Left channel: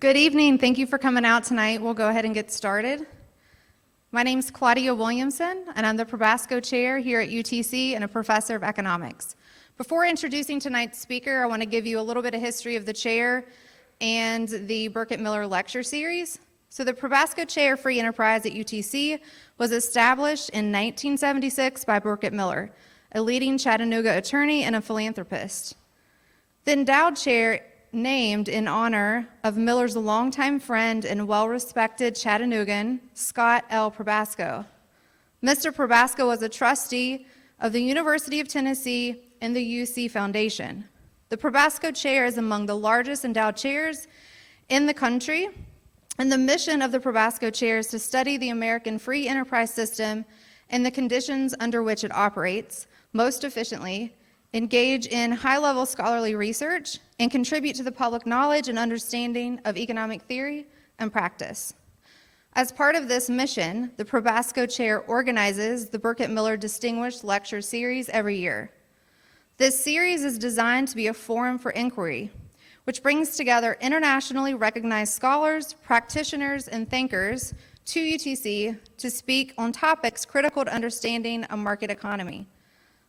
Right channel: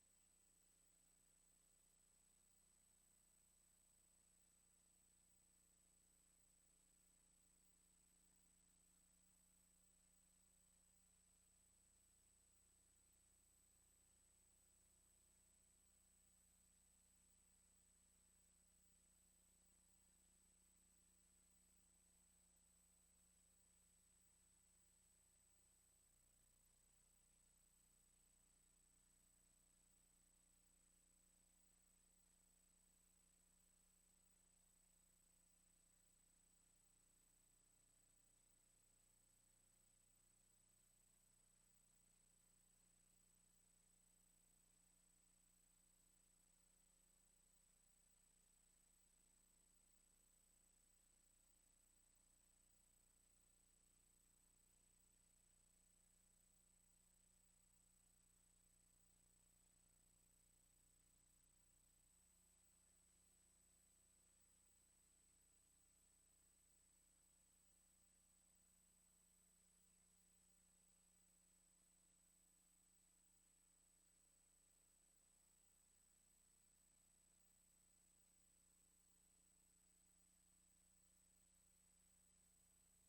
Good evening. Thank you for coming out tonight. We'll go ahead and get started. My name's Claudia Williamson, and I'm the Probasco Chair here at UTC and a professor of economics. Before introducing tonight's speaker, I want to give you a little bit of history of the chair and the Burkett Miller Lecture Series. So the Probasco Chair Free Enterprise at UTC was established in 1976 by Burkett Miller, a leading Chattanooga attorney and a philanthropist. The endowed chair named in honor of Miller's longtime friend and well-respected Chattanoogan, Scott L. Probasco. Mr. Probasco was a trustee of the University of Tennessee and the UC Foundation. The Probasco Chair is among the largest endowed chairs in the country, and the mission of the Probasco Chair is to study the American free enterprise system and the conditions under which it operates most efficiently, engage in high-level scholarly research, and contribute to the public knowledge and understanding of economic theory and practice. As part of this mission, the Probasco Chair organizes the Burkett Miller Distinguished Lecture Series every year. This series is designed to be a forum for inquiry, which brings together internationally recognized scholars, practitioners, and thinkers to UTC to speak on topics critical to understanding a market economy.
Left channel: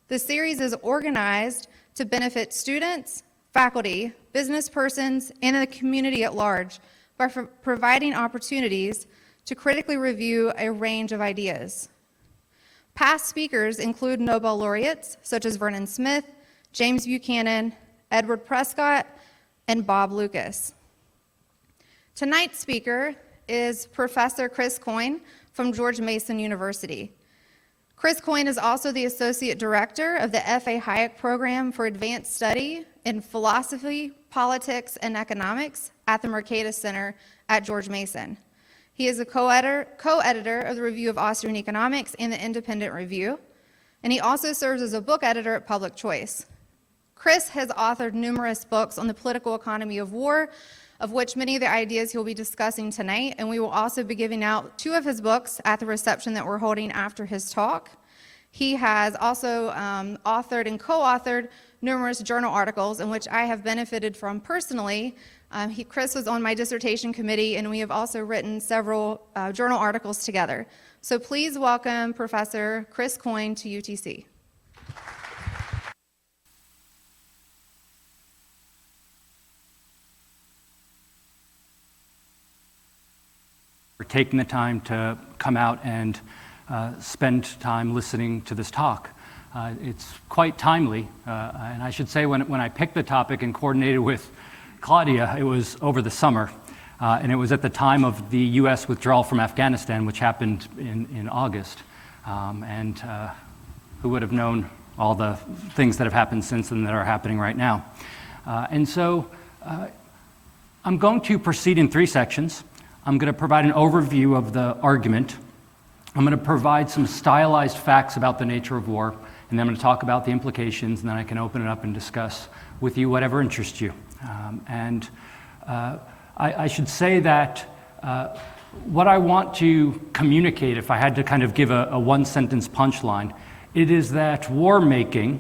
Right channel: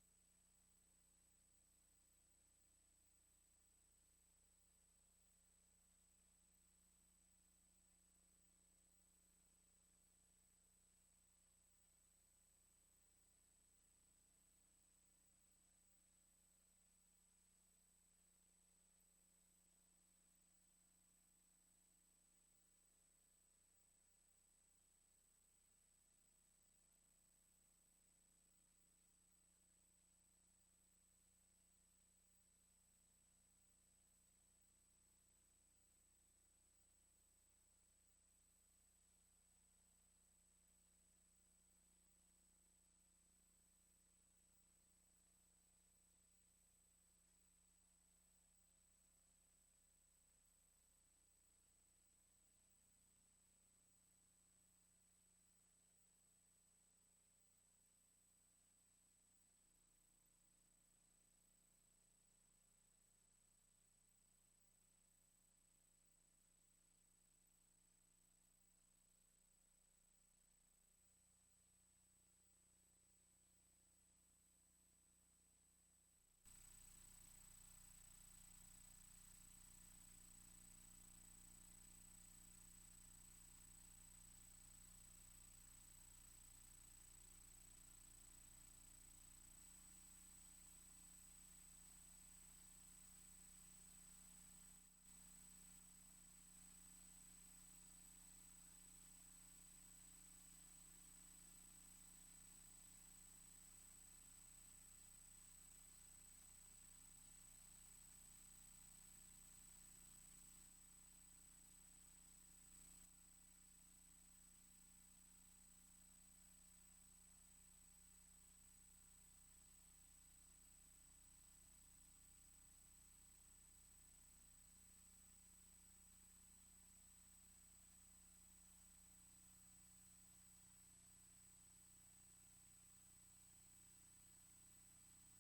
The series is organized to benefit students, faculty, business persons, and the community at large by providing opportunities to critically review a range of ideas. Past speakers include Nobel laureates such as Vernon Smith, James Buchanan, Edward Prescott, and Bob Lucas. Tonight's speaker is Professor Chris Coyne from George Mason University. Chris Coyne is also the Associate Director of the F.A. Hayek Program for Advanced Study in Philosophy, Politics, and Economics at the Mercatus Center at George Mason. He is a co-editor of the Review of Austrian Economics and the Independent Review, and he also serves as a book editor at Public Choice. Chris has authored numerous books on the political economy of war, of which many of the ideas he'll be discussing tonight, and we will also be giving out 2 of his books at the reception that we're holding after his talk. He has also authored and co-authored numerous journal articles in which I have benefited from personally. Chris was on my dissertation committee, and we have also written several journal articles together. So please welcome Professor Chris Coyne to UTC. For taking the time to come out and spend time listening to this talk. It's quite timely, and I should say when I picked the topic and coordinated with Claudia, it was over the summer, and it was at the time of the U.S. withdrawal from Afghanistan, which happened in August, and who would have known all the things that have happened since then that are happening right now. And so I'm going to proceed in 3 sections. I'm going to provide an overview of the argument. I'm going to provide some stylized facts about the nature of war, and then I'm going to talk about the implications, and then I can open it up and discuss with you whatever interests you. I should say that what I want to communicate, if I had to kind of give a one-sentence punchline, it is that war making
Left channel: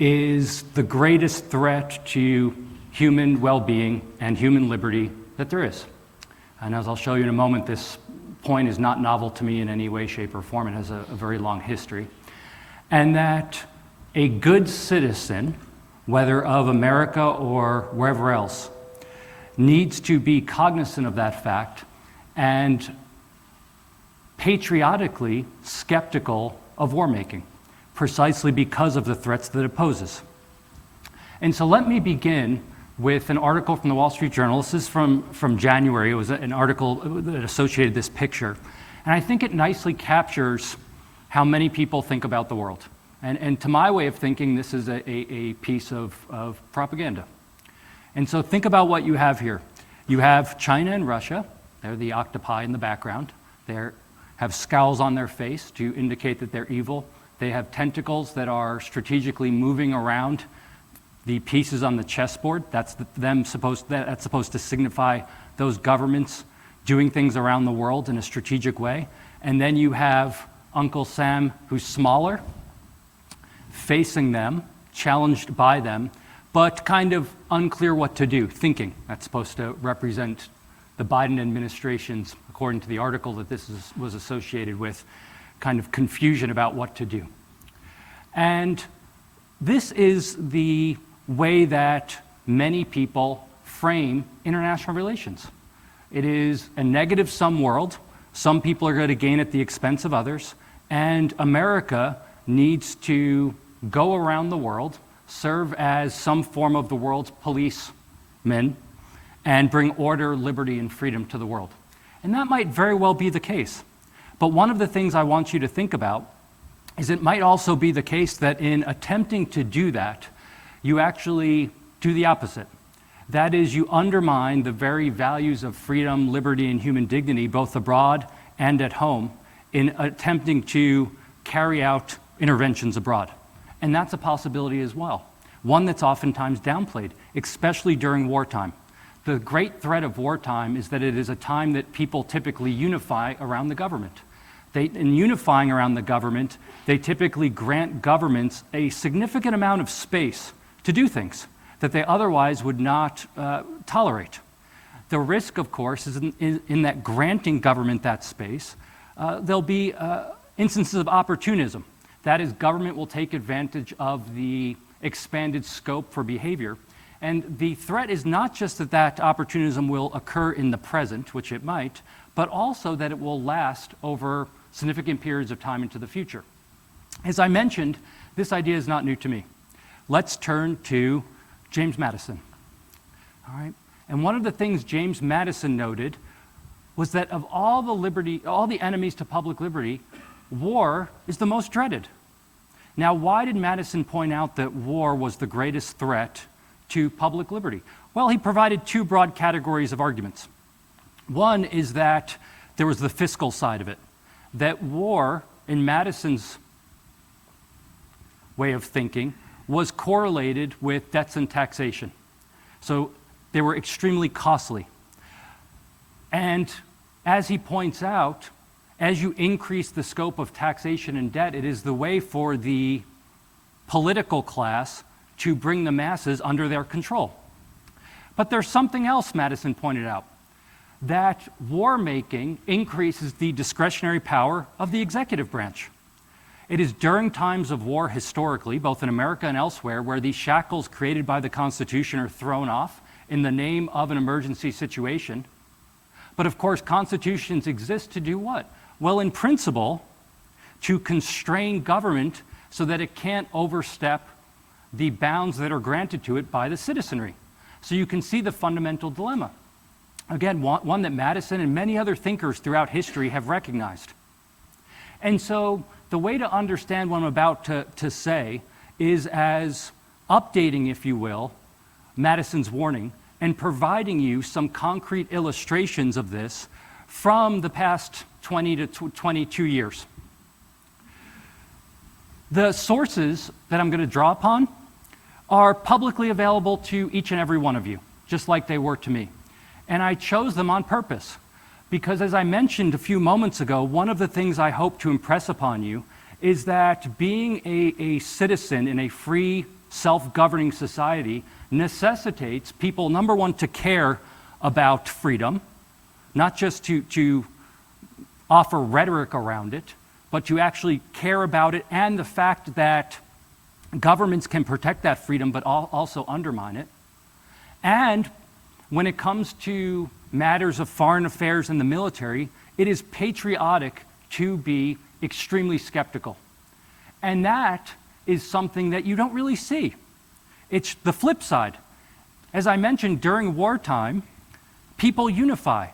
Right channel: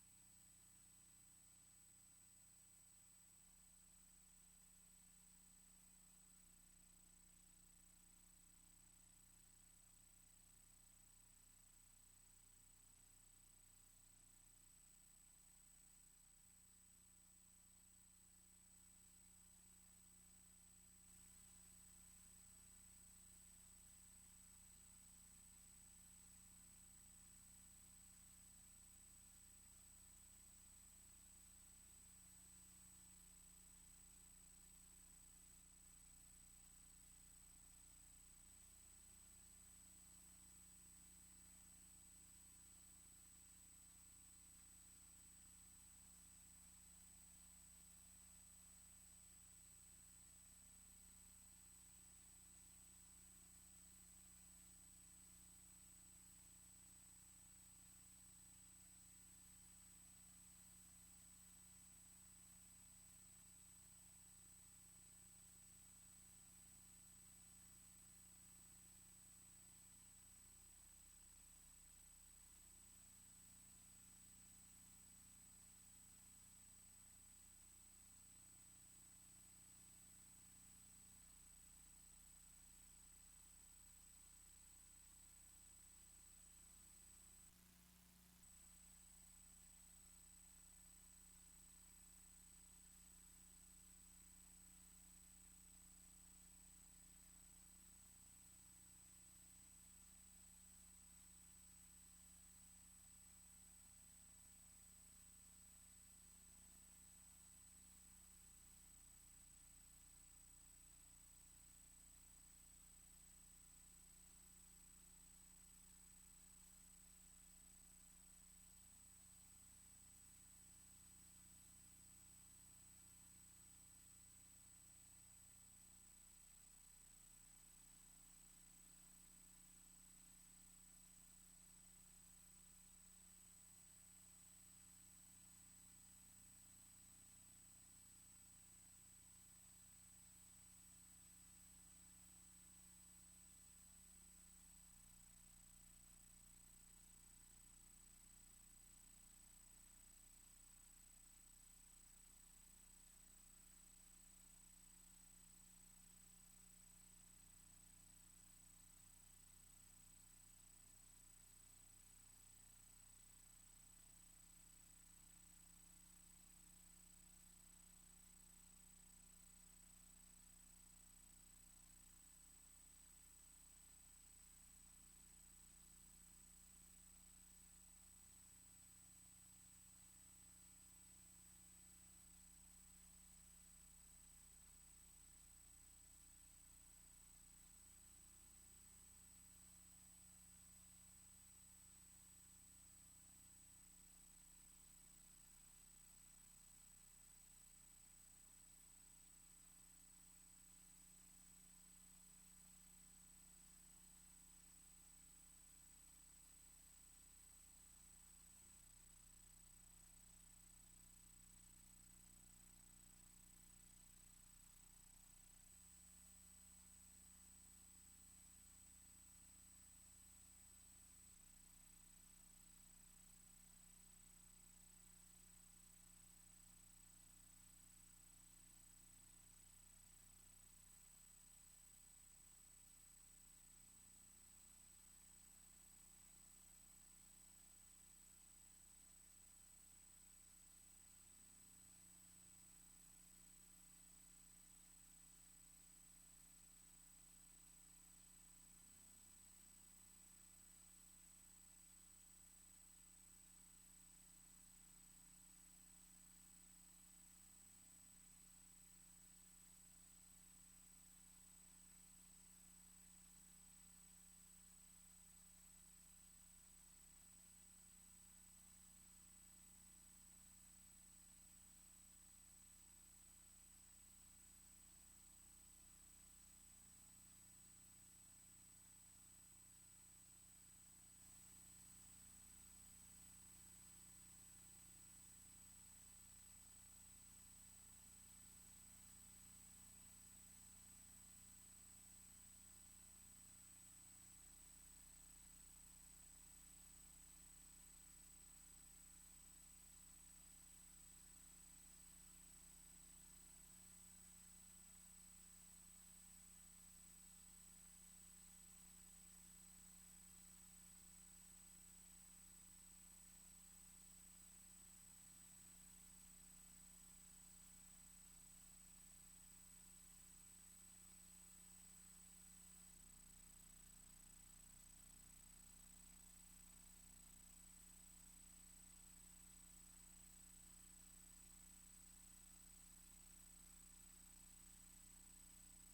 is the greatest threat to human well-being and human liberty that there is. And as I'll show you in a moment, this point is not novel to me in any way, shape, or form. It has a very long history. And that a good citizen, whether of America or wherever else, needs to be cognizant of that fact and patriotically skeptical of war making, precisely because of the threats that it poses. And so let me begin with an article from the Wall Street Journal. This is from January. It was an article that associated this picture. And I think it nicely captures how many people think about the world. And to my way of thinking, this is a piece of propaganda. And so think about what you have here. You have China and Russia. They're the octopi in the background. They have scowls on their face to indicate that they're evil. They have tentacles that are strategically moving around the pieces on the chessboard. That's supposed to signify those governments doing things around the world in a strategic way. And then you have Uncle Sam, who's smaller, facing them, challenged by them, but kind of unclear what to do, thinking. That's supposed to represent the Biden administration's, according to the article that was associated with, kind of confusion about what to do. And this is the way that many people frame international relations. It is a negative-sum world. Some people are going to gain at the expense of others, and America needs to go around the world, serve as some form of the world's policemen, and bring order, liberty, and freedom to the world. And that might very well be the case. But one of the things I want you to think about is it might also be the case that in attempting to do that, you actually do the opposite. That is, you undermine the very values of freedom, liberty, and human dignity, both abroad and at home, in attempting to carry out interventions abroad. And that's a possibility as well, one that's oftentimes downplayed, especially during wartime. The great threat of wartime is that it is a time that people typically unify around the government. In unifying around the government, they typically grant governments a significant amount of space to do things that they otherwise would not tolerate. The risk, of course, is in that granting government that space, there'll be instances of opportunism. That is, government will take advantage of the expanded scope for behavior. And the threat is not just that that opportunism will occur in the present, which it might, but also that it will last over significant periods of time into the future. As I mentioned, this idea is not new to me. Let's turn to James Madison. All right? And one of the things James Madison noted was that of all the enemies to public liberty, war is the most dreaded. Now, why did Madison point out that war was the greatest threat to public liberty? Well, he provided two broad categories of arguments. One is that there was the fiscal side of it, that war, in Madison's way of thinking, was correlated with debts and taxation. So they were extremely costly. And as he points out, as you increase the scope of taxation and debt, it is the way for the political class to bring the masses under their control. But there's something else Madison pointed out, that war making increases the discretionary power of the executive branch. It is during times of war historically, both in America and elsewhere, where these shackles created by the Constitution are thrown off in the name of an emergency situation. But of course, constitutions exist to do what? Well, in principle, to constrain government so that it can't overstep the bounds that are granted to it by the citizenry. So you can see the fundamental dilemma. Again, one that Madison and many other thinkers throughout history have recognized. And so the way to understand what I'm about to say is as updating, if you will, Madison's warning and providing you some concrete illustrations of this from the past 20 to 22 years. The sources that I'm going to draw upon are publicly available to each and every one of you, just like they were to me. And I chose them on purpose because, as I mentioned a few moments ago, one of the things I hope to impress upon you is that being a citizen in a free, self-governing society necessitates people, number one, to care about freedom, not just to offer rhetoric around it, but to actually care about it and the fact that governments can protect that freedom but also undermine it. And when it comes to matters of foreign affairs and the military, it is patriotic to be extremely skeptical. And that is something that you don't really see. It's the flip side. As I mentioned, during wartime, people unify.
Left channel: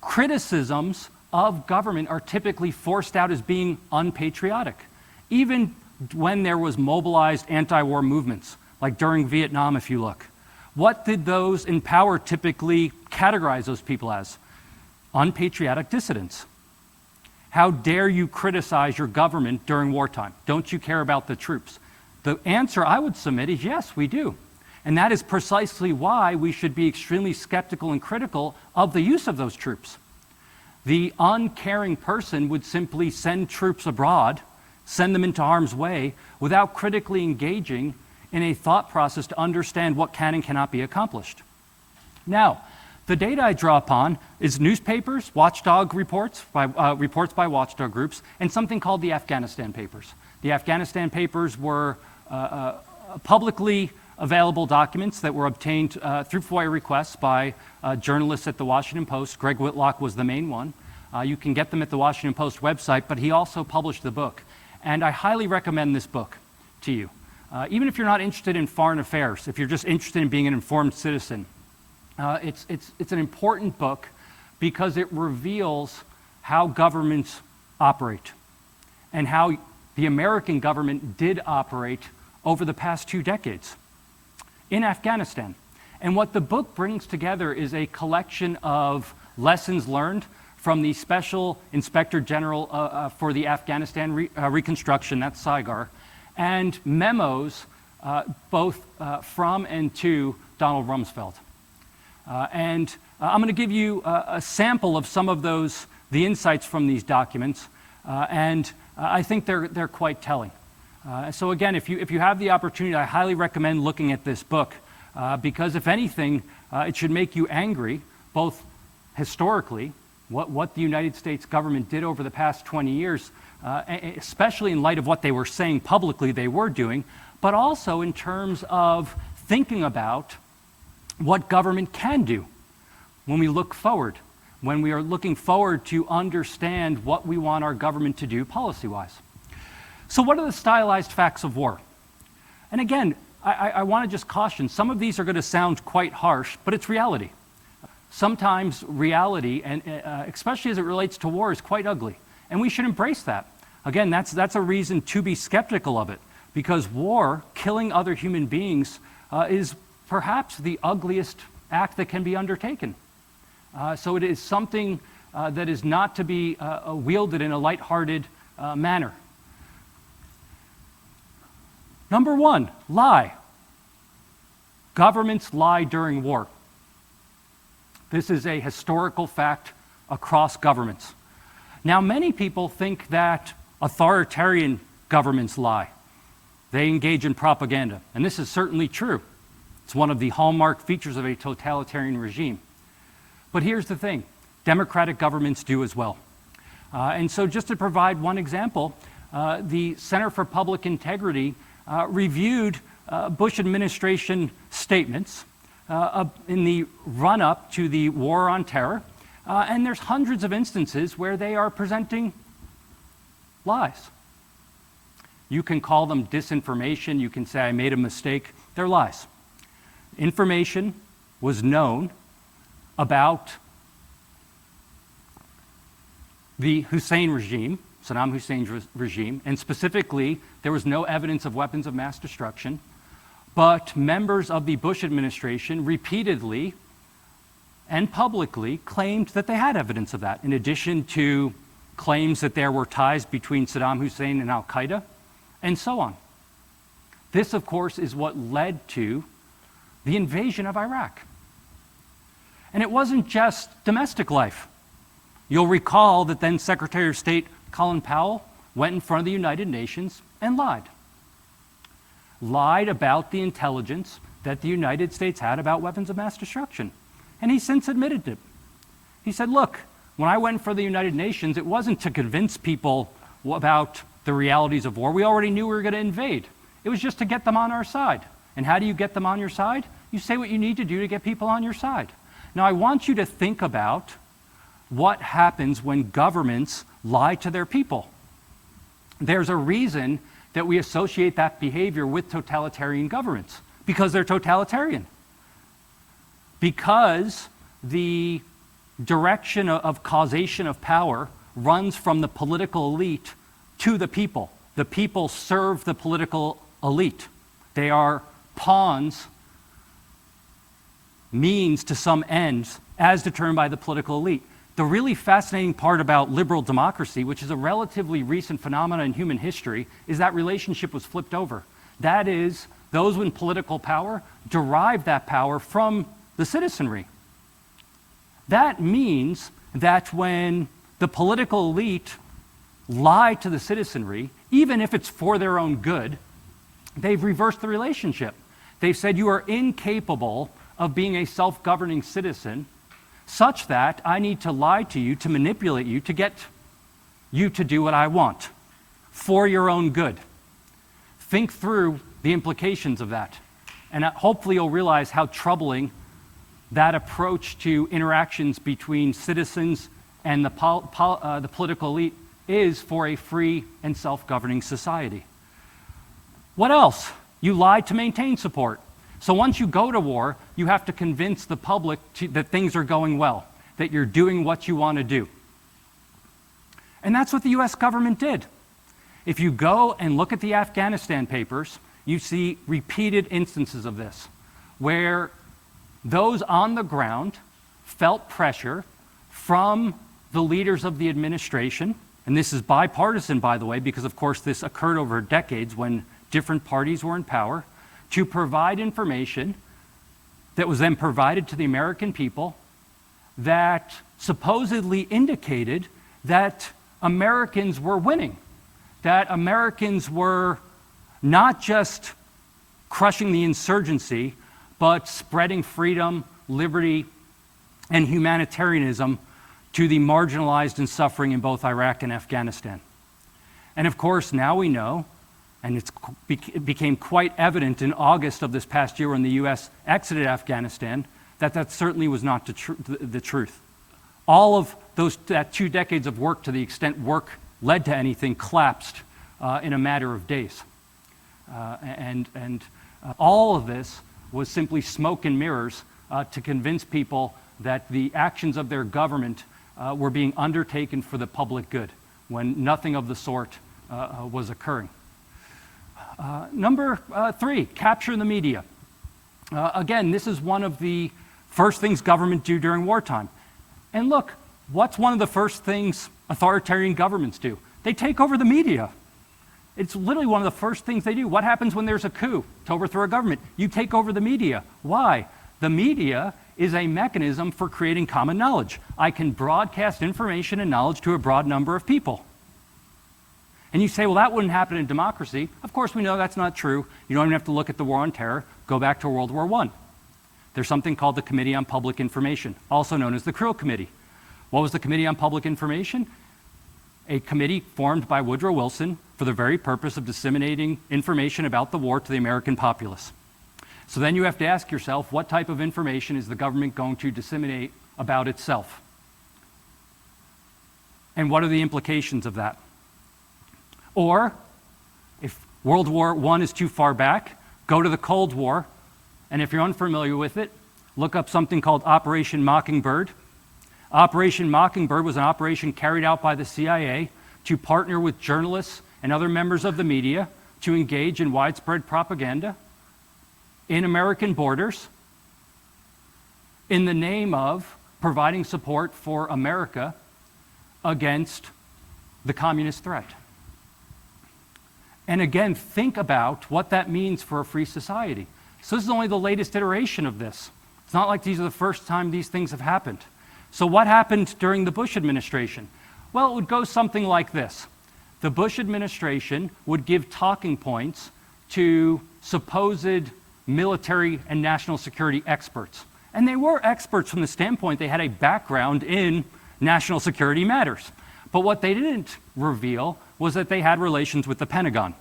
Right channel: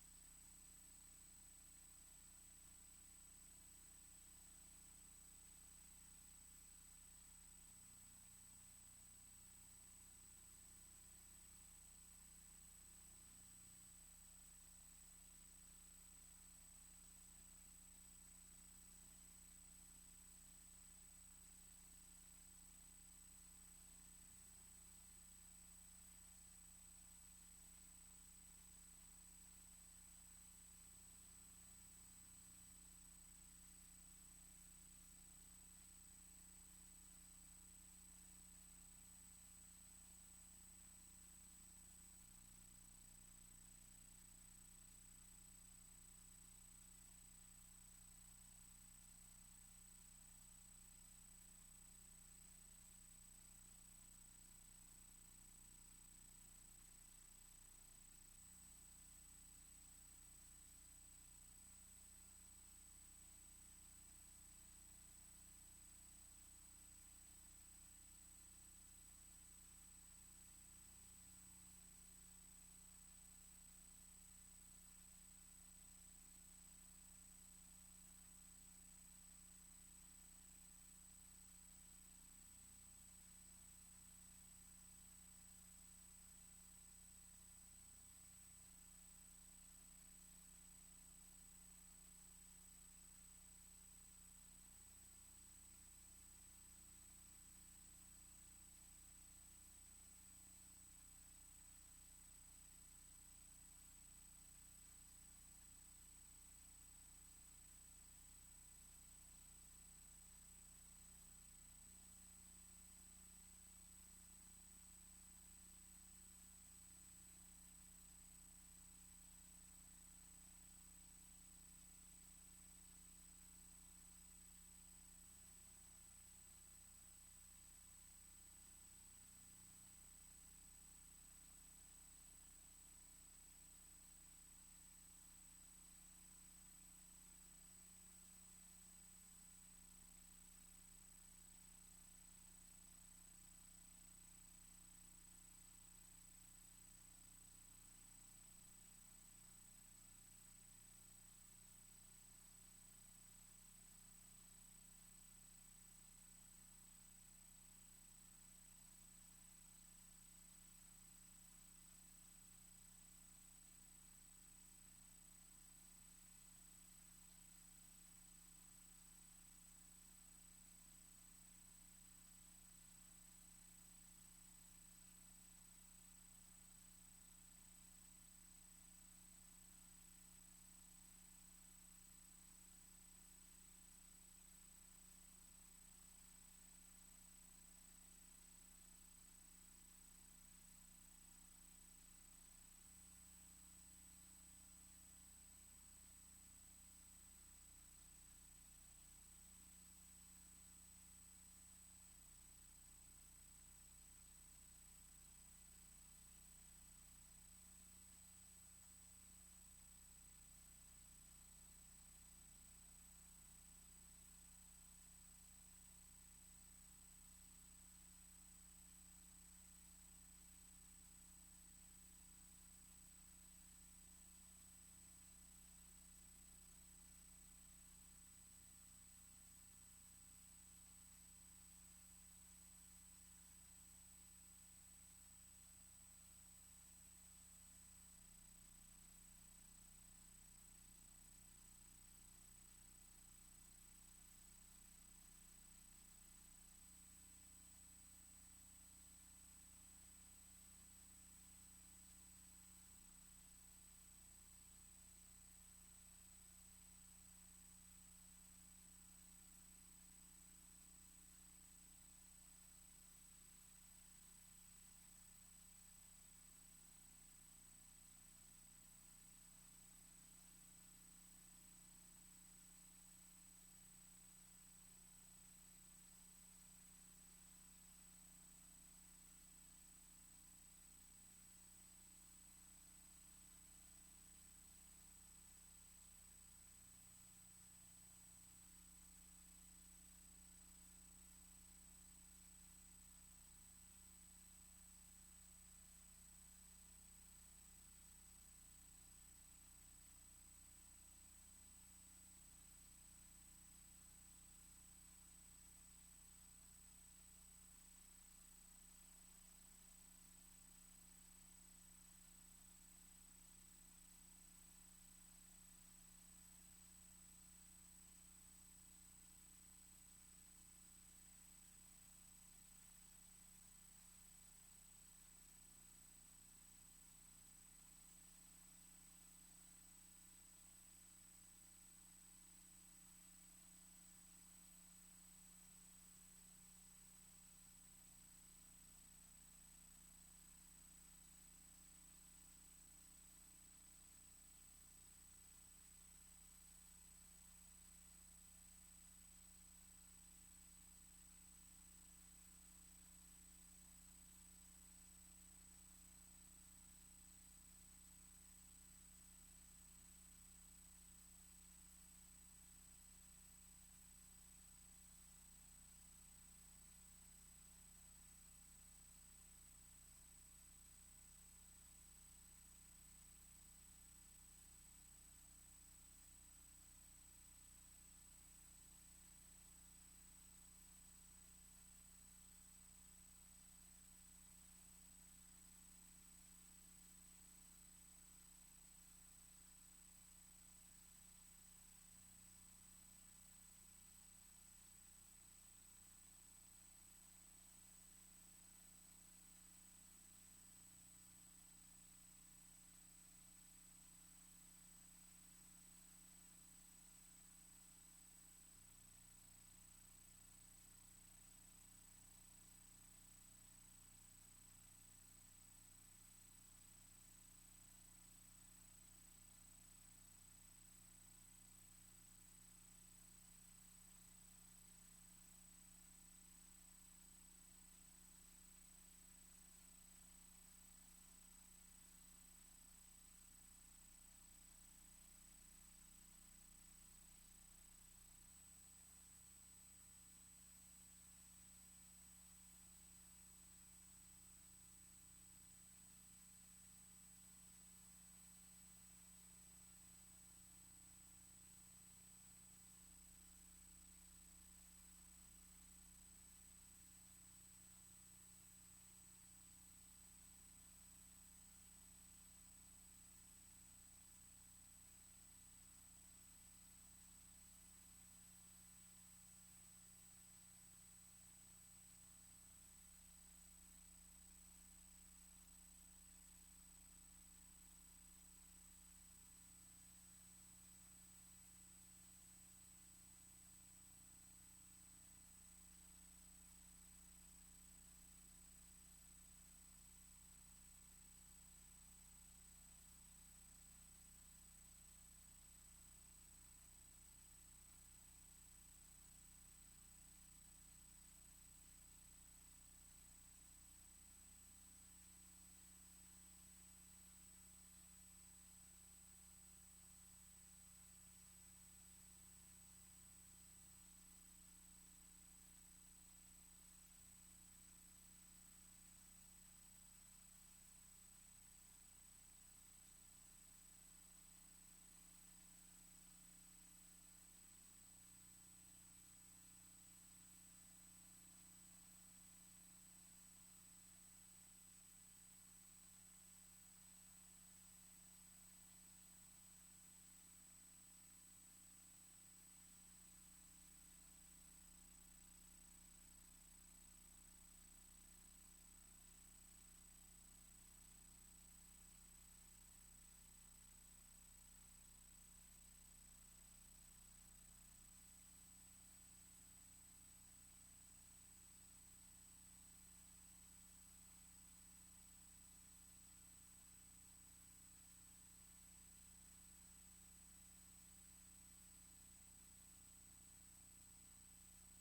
Criticisms of government are typically forced out as being unpatriotic. Even when there was mobilized anti-war movements, like during Vietnam, if you look. What did those in power typically categorize those people as? Unpatriotic dissidents. How dare you criticize your government during wartime? Don't you care about the troops? The answer I would submit is yes, we do. And that is precisely why we should be extremely skeptical and critical of the use of those troops. The uncaring person would simply send troops abroad, send them into harm's way, without critically engaging in a thought process to understand what can and cannot be accomplished. Now, The data I draw upon is newspapers, watchdog reports by watchdog groups, and something called the Afghanistan Papers. The Afghanistan Papers were publicly available documents that were obtained through FOIA requests by journalists at the Washington Post. Greg Whitlock was the main one. You can get them at the Washington Post website, but he also published the book. And I highly recommend this book to you. Even if you're not interested in foreign affairs, if you're just interested in being an informed citizen, it's an important book because it reveals how governments operate and how the American government did operate over the past 2 decades in Afghanistan. And what the book brings together is a collection of lessons learned from the Special Inspector General for the Afghanistan Reconstruction, that's SIGAR, and memos both from and to Donald Rumsfeld. And I'm going to give you a sample of some of the insights from these documents, and I think they're quite telling. So again, if you have the opportunity, I highly recommend looking at this book, because if anything, it should make you angry, both historically, what the United States government did over the past 20 years, especially in light of what they were saying publicly they were doing, but also in terms of thinking about what government can do when we look forward, when we are looking forward to understand what we want our government to do policy-wise. So what are the stylized facts of war? And again, I want to just caution, some of these are going to sound quite harsh, but it's reality. Sometimes reality, and especially as it relates to war, is quite ugly, and we should embrace that. Again, that's a reason to be skeptical of it, because war, killing other human beings, is perhaps the ugliest act that can be undertaken. So it is something that is not to be wielded in a lighthearted manner. Number 1, lie. Governments lie during war. This is a historical fact across governments. Now, many people think that authoritarian governments lie. They engage in propaganda, and this is certainly true. It's one of the hallmark features of a totalitarian regime. But here's the thing, democratic governments do as well. And so just to provide one example, the Center for Public Integrity reviewed Bush administration statements in the run-up to the war on terror, and there's hundreds of instances where they are presenting lies. You can call them disinformation, you can say I made a mistake, they're lies. Information was known about the Hussein regime, Saddam Hussein's regime, and specifically, there was no evidence of weapons of mass destruction, but members of the Bush administration repeatedly and publicly claimed that they had evidence of that, in addition to claims that there were ties between Saddam Hussein and al-Qaeda, and so on. This, of course, is what led to the invasion of Iraq. And it wasn't just domestic life. You'll recall that then Secretary of State Colin Powell went in front of the United Nations and lied about the intelligence that the United States had about weapons of mass destruction. And he since admitted it. He said, look, when I went for the United Nations, it wasn't to convince people about the realities of war. We already knew we were going to invade. It was just to get them on our side. And how do you get them on your side? You say what you need to do to get people on your side. Now, I want you to think about what happens when governments lie to their people. There's a reason that we associate that behavior with totalitarian governments, because they're totalitarian. Because the direction of causation of power runs from the political elite to the people. The people serve the political elite. They are pawns, means to some ends, as determined by the political elite. The really fascinating part about liberal democracy, which is a relatively recent phenomenon in human history, is that relationship was flipped over. That is, those with political power derive that power from the citizenry. That means that when the political elite lie to the citizenry, even if it's for their own good, they've reversed the relationship. They've said you are incapable of being a self-governing citizen such that I need to lie to you, to manipulate you, to get you to do what I want for your own good. Think through the implications of that. And hopefully you'll realize how troubling that approach to interactions between citizens and the political elite is for a free and self-governing society. What else? You lie to maintain support. So once you go to war, you have to convince the public that things are going well, that you're doing what you want to do. And that's what the US government did. If you go and look at the Afghanistan Papers, you see repeated instances of this, where those on the ground felt pressure from the leaders of the administration, and this is bipartisan, by the way, because of course this occurred over decades when different parties were in power, to provide information that was then provided to the American people that supposedly indicated that Americans were winning, that Americans were not just crushing the insurgency, but spreading freedom, liberty, and humanitarianism to the marginalized and suffering in both Iraq and Afghanistan. And of course, now we know, and it became quite evident in August of this past year when the US exited Afghanistan, that certainly was not the truth. All of that 2 decades of work, to the extent work led to anything, collapsed in a matter of days. All of this was simply smoke and mirrors to convince people that the actions of their government were being undertaken for the public good, when nothing of the sort was occurring. Number 3, capture the media. Again, this is one of the first things government do during wartime. And look, what's one of the first things authoritarian governments do? They take over the media. It's literally one of the first things they do. What happens when there's a coup to overthrow a government? You take over the media. Why? The media is a mechanism for creating common knowledge. I can broadcast information and knowledge to a broad number of people. And you say, well, that wouldn't happen in democracy. Of course, we know that's not true. You don't even have to look at the War on Terror. Go back to World War I. There's something called the Committee on Public Information, also known as the Krill Committee. What was the Committee on Public Information? A committee formed by Woodrow Wilson for the very purpose of disseminating information about the war to the American populace. So then you have to ask yourself, what type of information is the government going to disseminate about itself? And what are the implications of that? Or, if World War I is too far back, go to the Cold War, and if you're unfamiliar with it, look up something called Operation Mockingbird. Operation Mockingbird was an operation carried out by the CIA to partner with journalists and other members of the media to engage in widespread propaganda in American borders in the name of providing support for America against the communist threat. And again, think about what that means for a free society. So this is only the latest iteration of this. It's not like these are the first time these things have happened. So what happened during the Bush administration? Well, it would go something like this. The Bush administration would give talking points to supposed military and national security experts. And they were experts from the standpoint they had a background in national security matters. But what they didn't reveal was that they had relations with the Pentagon.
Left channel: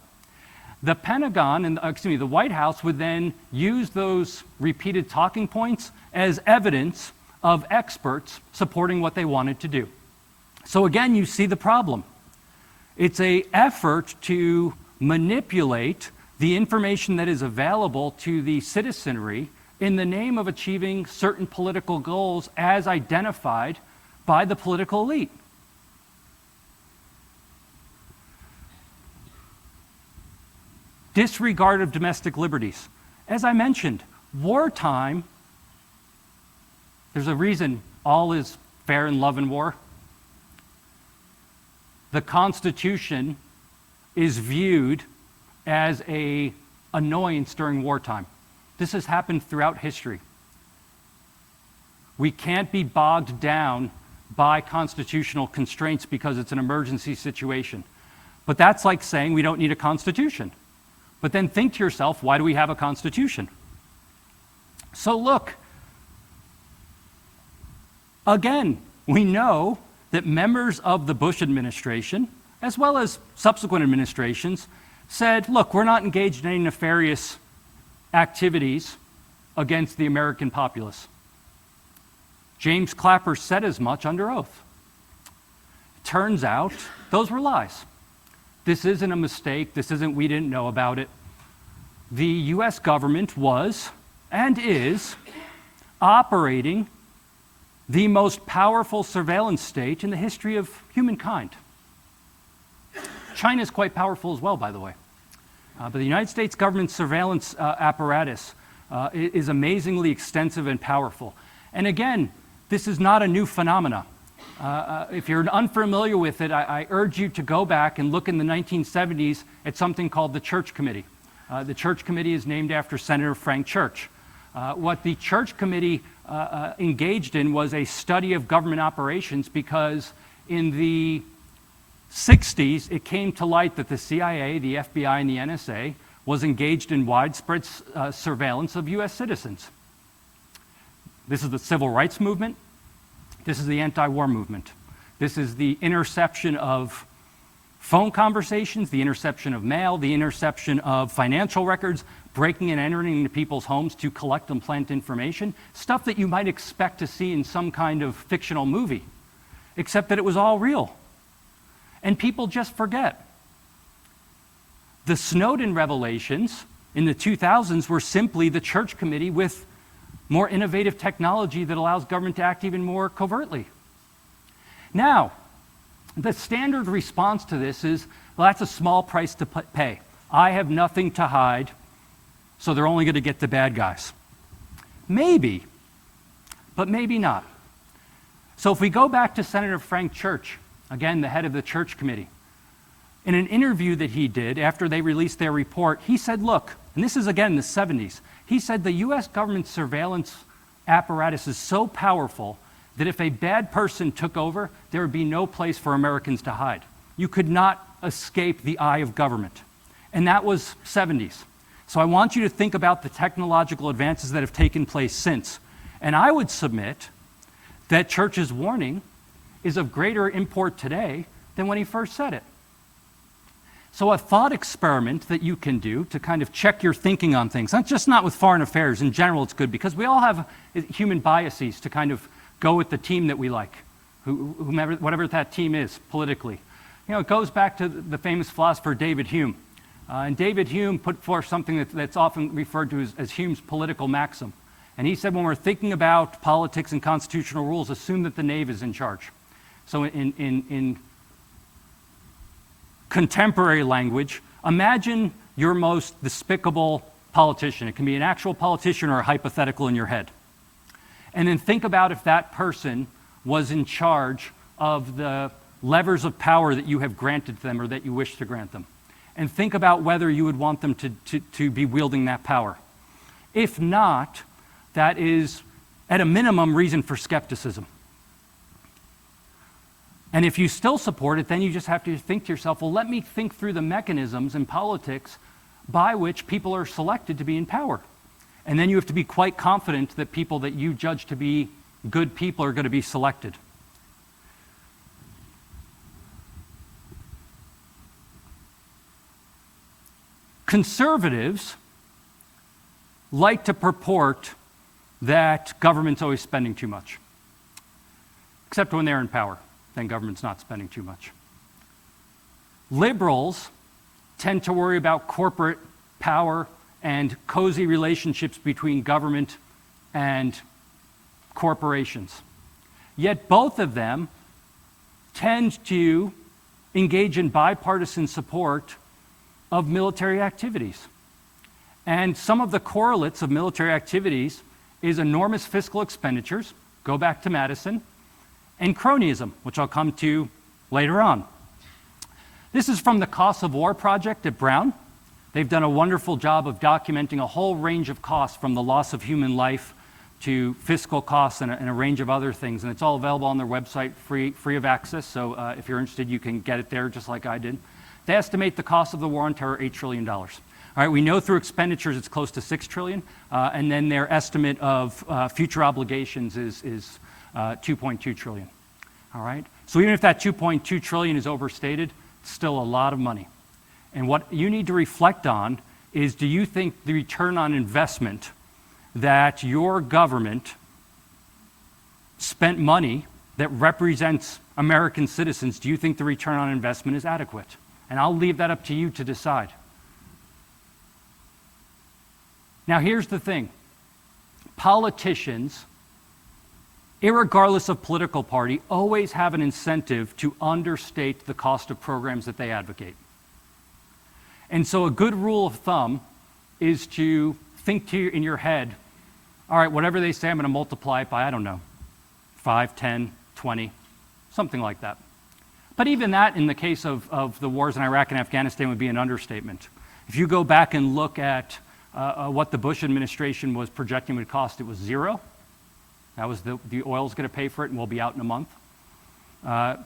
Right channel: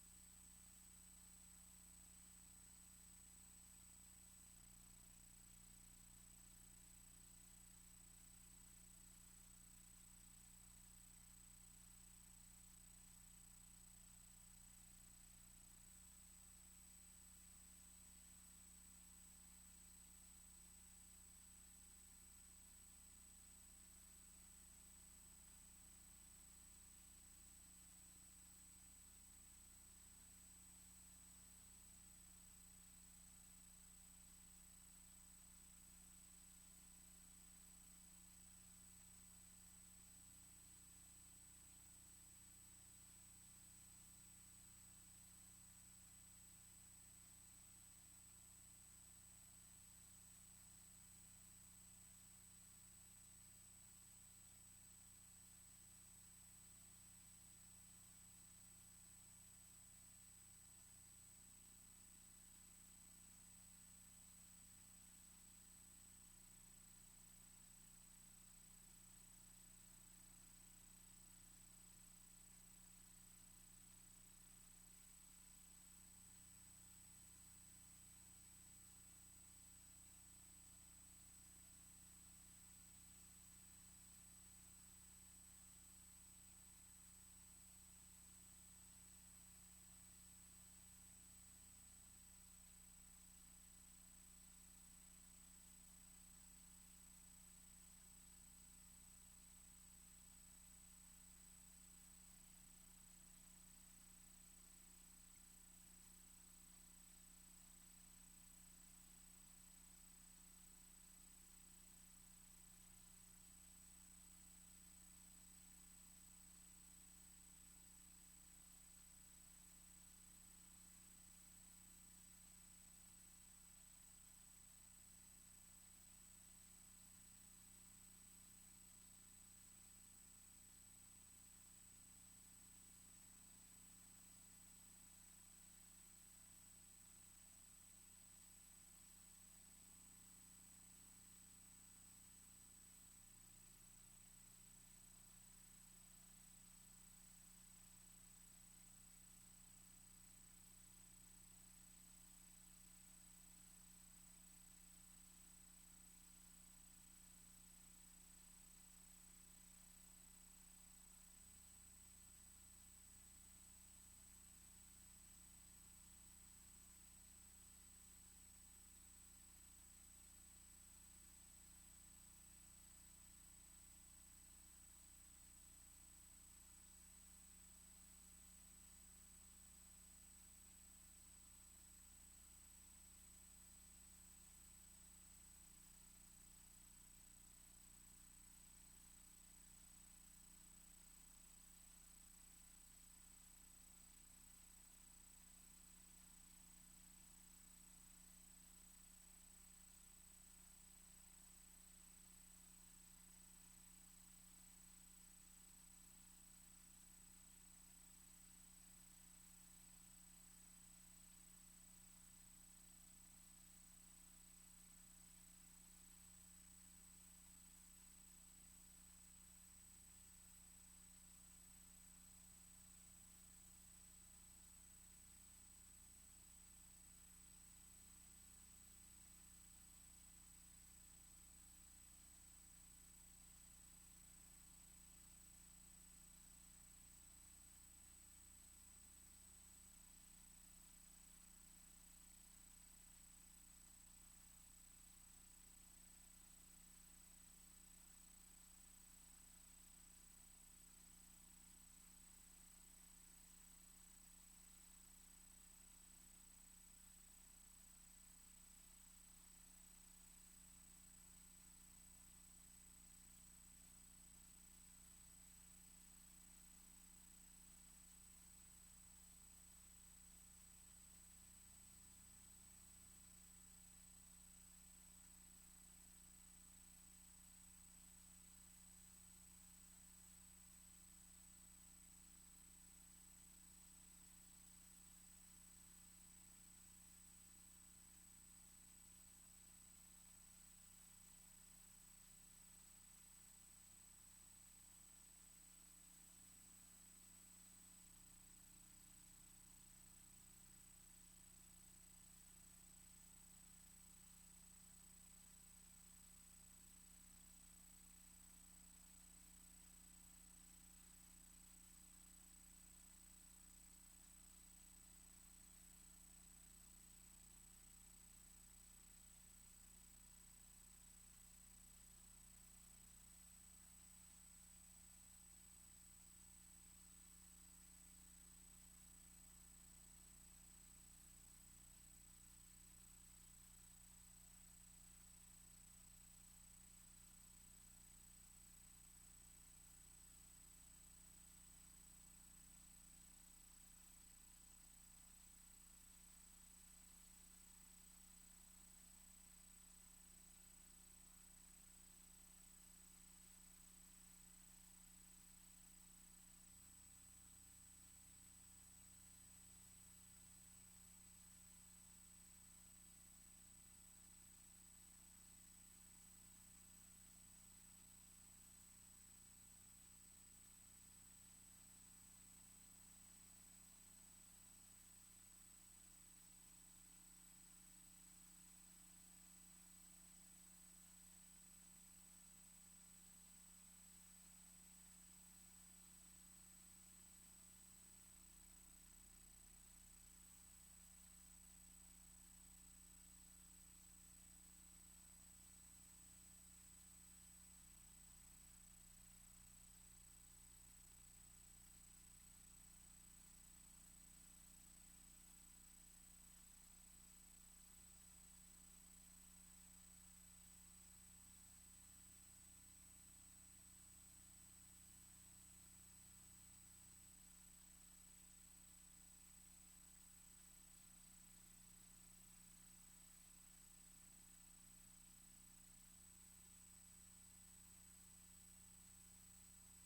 The Pentagon, the White House would then use those repeated talking points as evidence of experts supporting what they wanted to do. So again, you see the problem. It's an effort to manipulate the information that is available to the citizenry in the name of achieving certain political goals as identified by the political elite. Disregard of domestic liberties. As I mentioned, wartime, there's a reason all is fair in love and war. The Constitution is viewed as an annoyance during wartime. This has happened throughout history. We can't be bogged down by constitutional constraints because it's an emergency situation. But that's like saying we don't need a constitution. But then think to yourself, why do we have a constitution? So look, Again, we know that members of the Bush administration, as well as subsequent administrations, said, look, we're not engaged in any nefarious activities against the American populace. James Clapper said as much under oath. Turns out, those were lies. This isn't a mistake. This isn't we didn't know about it. The US government was and is operating the most powerful surveillance state in the history of humankind. China is quite powerful as well, by the way. But the United States government's surveillance apparatus is amazingly extensive and powerful. And again, this is not a new phenomena. If you're unfamiliar with it, I urge you to go back and look in the 1970s at something called the Church Committee. The Church Committee is named after Senator Frank Church. What the Church Committee engaged in was a study of government operations because in the 60s, it came to light that the CIA, the FBI, and the NSA was engaged in widespread surveillance of US citizens. This is the civil rights movement. This is the anti-war movement. This is the interception of phone conversations, the interception of mail, the interception of financial records, breaking and entering into people's homes to collect and plant information, stuff that you might expect to see in some kind of fictional movie, except that it was all real. And people just forget. The Snowden revelations in the 2000s were simply the Church Committee with more innovative technology that allows government to act even more covertly. Now, the standard response to this is, well, that's a small price to pay. I have nothing to hide, so they're only going to get the bad guys. Maybe, but maybe not. So if we go back to Senator Frank Church, again, the head of the Church Committee, in an interview that he did after they released their report, he said, look, and this is again the 70s, he said the US government surveillance apparatus is so powerful that if a bad person took over, there would be no place for Americans to hide. You could not escape the eye of government. And that was 70s. So I want you to think about the technological advances that have taken place since. And I would submit that Church's warning is of greater import today than when he first said it. So a thought experiment that you can do to kind of check your thinking on things, not with foreign affairs, in general it's good because we all have human biases to kind of go with the team that we like, whomever, whatever that team is politically. You know, it goes back to the famous philosopher David Hume. And David Hume put forth something that's often referred to as Hume's political maxim. And he said when we're thinking about politics and constitutional rules, assume that the knave is in charge. So in contemporary language, imagine your most despicable politician. It can be an actual politician or a hypothetical in your head. And then think about if that person was in charge of the levers of power that you have granted them or that you wish to grant them. And think about whether you would want them to be wielding that power. If not, that is, at a minimum, reason for skepticism. And if you still support it, then you just have to think to yourself, well, let me think through the mechanisms in politics by which people are selected to be in power. And then you have to be quite confident that people that you judge to be good people are going to be selected. Conservatives like to purport that government's always spending too much, except when they're in power. Then government's not spending too much. Liberals tend to worry about corporate power and cozy relationships between government and corporations. Yet both of them tend to engage in bipartisan support of military activities. And some of the correlates of military activities is enormous fiscal expenditures, go back to Madison, and cronyism, which I'll come to later on. This is from the Costs of War project at Brown. They've done a wonderful job of documenting a whole range of costs from the loss of human life to fiscal costs and a range of other things. And it's all available on their website, free of access. So if you're interested, you can get it there just like I did. They estimate the cost of the war on terror, $8 trillion. All right, we know through expenditures it's close to $6 trillion. And then their estimate of future obligations is 2.2 trillion. All right? So even if that 2.2 trillion is overstated, it's still a lot of money. And what you need to reflect on is, do you think the return on investment that your government spent money that represents American citizens, do you think the return on investment is adequate? And I'll leave that up to you to decide. Now, here's the thing. Politicians, irregardless of political party, always have an incentive to understate the cost of programs that they advocate. And so a good rule of thumb is to think in your head, all right, whatever they say, I'm going to multiply it by, I don't know, 5, 10, 20, something like that. But even that, in the case of the wars in Iraq and Afghanistan, would be an understatement. If you go back and look at what the Bush administration was projecting would cost, it was zero. That was the oil's going to pay for it, and we'll be out in a month,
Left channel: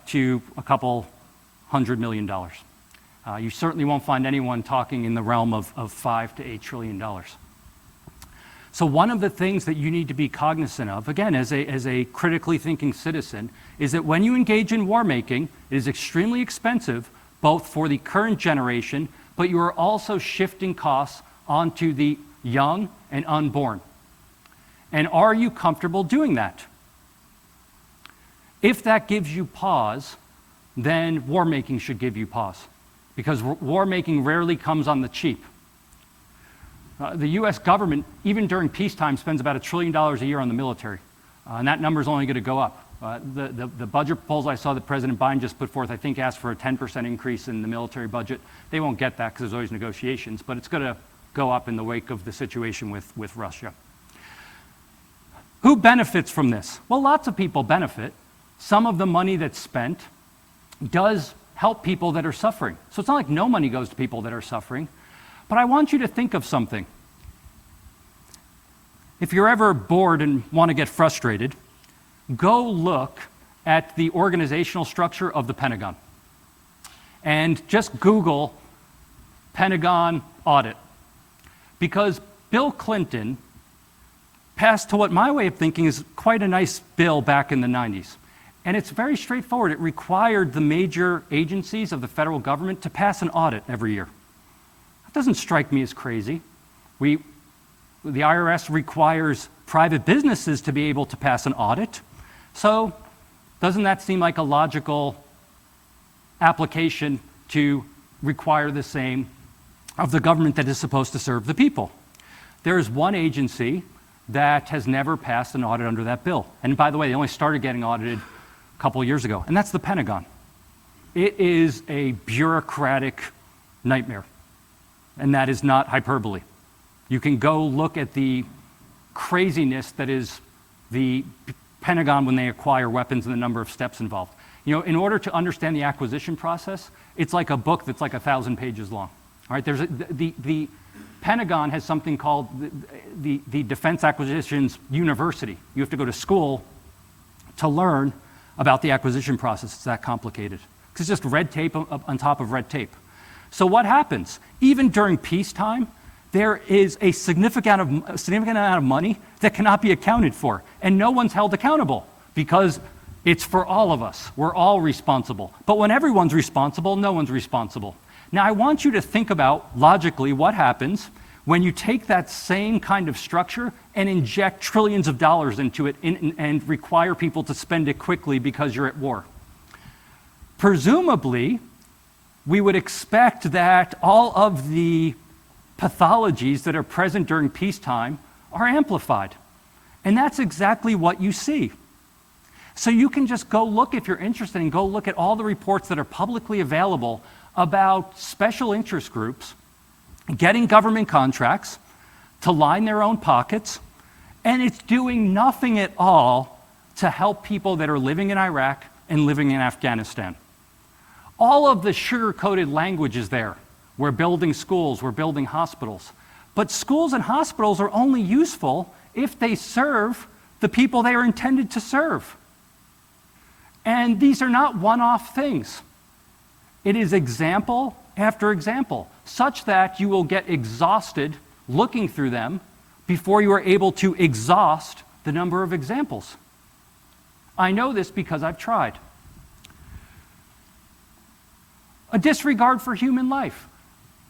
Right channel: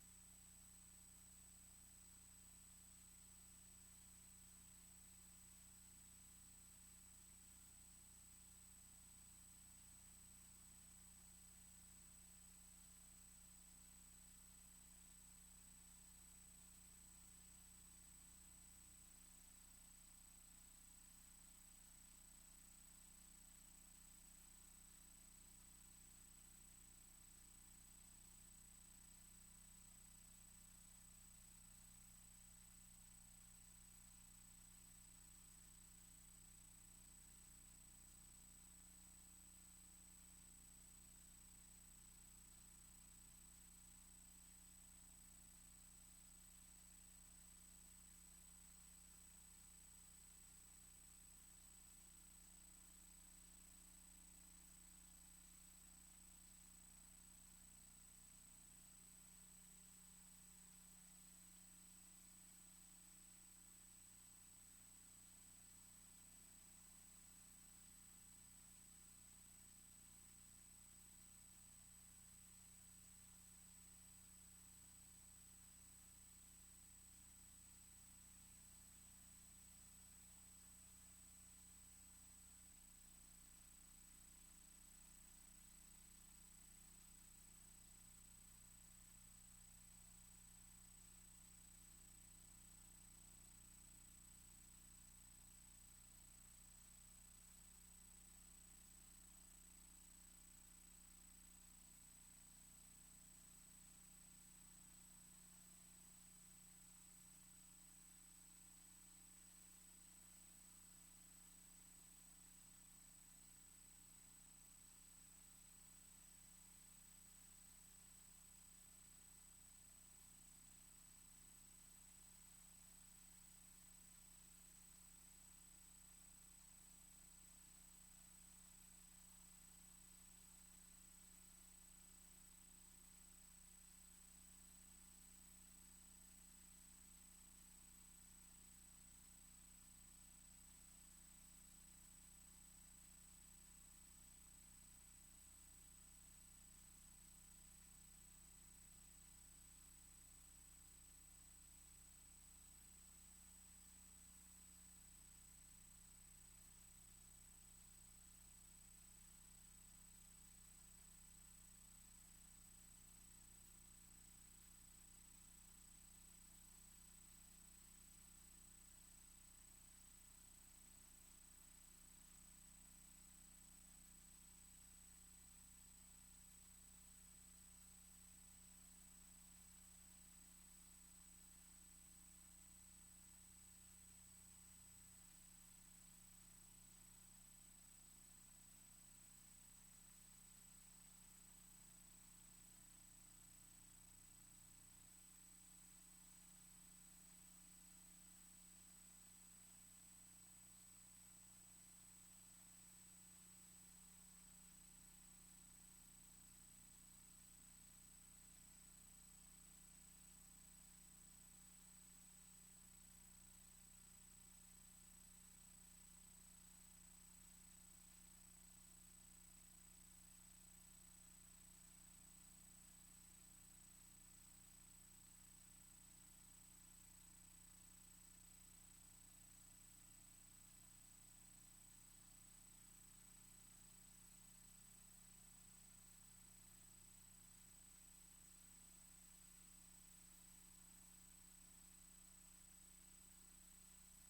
to a couple $100 million. You certainly won't find anyone talking in the realm of $5 to $8 trillion. So one of the things that you need to be cognizant of, again, as a critically thinking citizen, is that when you engage in war making, it is extremely expensive, both for the current generation, but you are also shifting costs onto the young and unborn. And are you comfortable doing that? If that gives you pause, then war making should give you pause, because war making rarely comes on the cheap. The U.S. government, even during peacetime, spends about $1 trillion a year on the military, and that number is only going to go up. The budget proposal I saw that President Biden just put forth, I think, asked for a 10% increase in the military budget. They won't get that because there's always negotiations, but it's going to go up in the wake of the situation with Russia. Who benefits from this? Well, lots of people benefit. Some of the money that's spent does help people that are suffering. So it's not like no money goes to people that are suffering. But I want you to think of something. If you're ever bored and want to get frustrated, go look at the organizational structure of the Pentagon. And just Google Pentagon Audit. Because Bill Clinton passed, to what my way of thinking is quite a nice bill back in the 90s. And it's very straightforward. It required the major agencies of the federal government to pass an audit every year. That doesn't strike me as crazy. The IRS requires private businesses to be able to pass an audit. So doesn't that seem like a logical application to require the same of the government that is supposed to serve the people? There is one agency that has never passed an audit under that bill. And by the way, they only started getting audited a couple of years ago, and that's the Pentagon. It is a bureaucratic nightmare, and that is not hyperbole. You can go look at the craziness that is the Pentagon when they acquire weapons and the number of steps involved. You know, in order to understand the acquisition process, it's like a book that's like 1,000 pages long. All right, the Pentagon has something called the Defense Acquisitions University. You have to go to school to learn about the acquisition process. It's that complicated. It's just red tape on top of red tape. So what happens? Even during peacetime, there is a significant amount of money that cannot be accounted for, and no one's held accountable because it's for all of us. We're all responsible. But when everyone's responsible, no one's responsible. Now, I want you to think about, logically, what happens when you take that same kind of structure and inject trillions of dollars into it and require people to spend it quickly because you're at war. Presumably, we would expect that all of the pathologies that are present during peacetime are amplified. And that's exactly what you see. So you can just go look, if you're interested, and go look at all the reports that are publicly available about special interest groups getting government contracts to line their own pockets, and it's doing nothing at all to help people that are living in Iraq and living in Afghanistan. All of the sugar-coated language is there. We're building schools, we're building hospitals. But schools and hospitals are only useful if they serve the people they are intended to serve. And these are not one-off things. It is example after example, such that you will get exhausted looking through them before you are able to exhaust the number of examples. I know this because I've tried. A disregard for human life.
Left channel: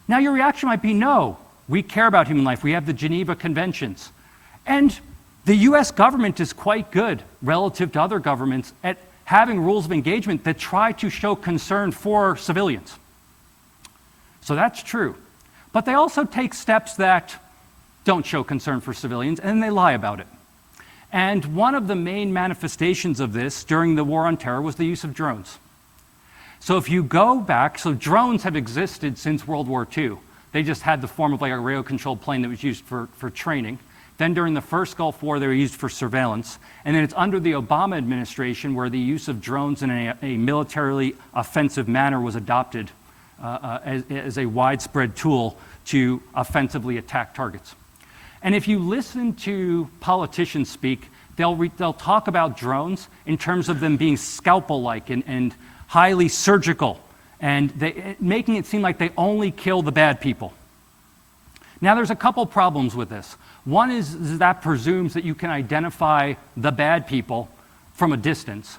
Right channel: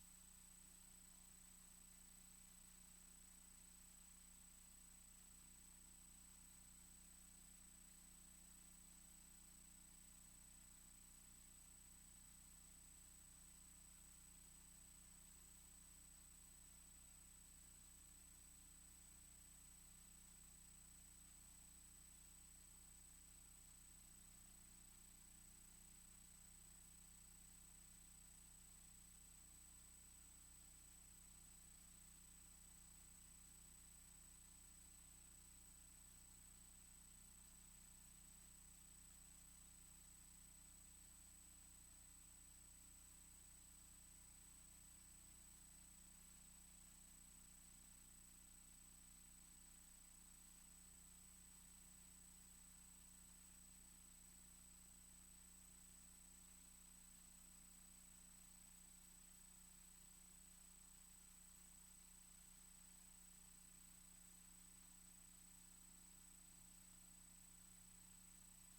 Now your reaction might be, no, we care about human life. We have the Geneva Conventions. And the US government is quite good relative to other governments at having rules of engagement that try to show concern for civilians. So that's true. But they also take steps that don't show concern for civilians, and they lie about it. And one of the main manifestations of this during the War on Terror was the use of drones. So if you go back, so drones have existed since World War II. They just had the form of like a radio-controlled plane that was used for training. Then during the first Gulf War, they were used for surveillance. And then it's under the Obama administration where the use of drones in a militarily offensive manner was adopted as a widespread tool to offensively attack targets. And if you listen to politicians speak, they'll talk about drones in terms of them being scalpel-like and highly surgical, and making it seem like they only kill the bad people. Now, there's a couple problems with this. One is that presumes that you can identify the bad people from a distance.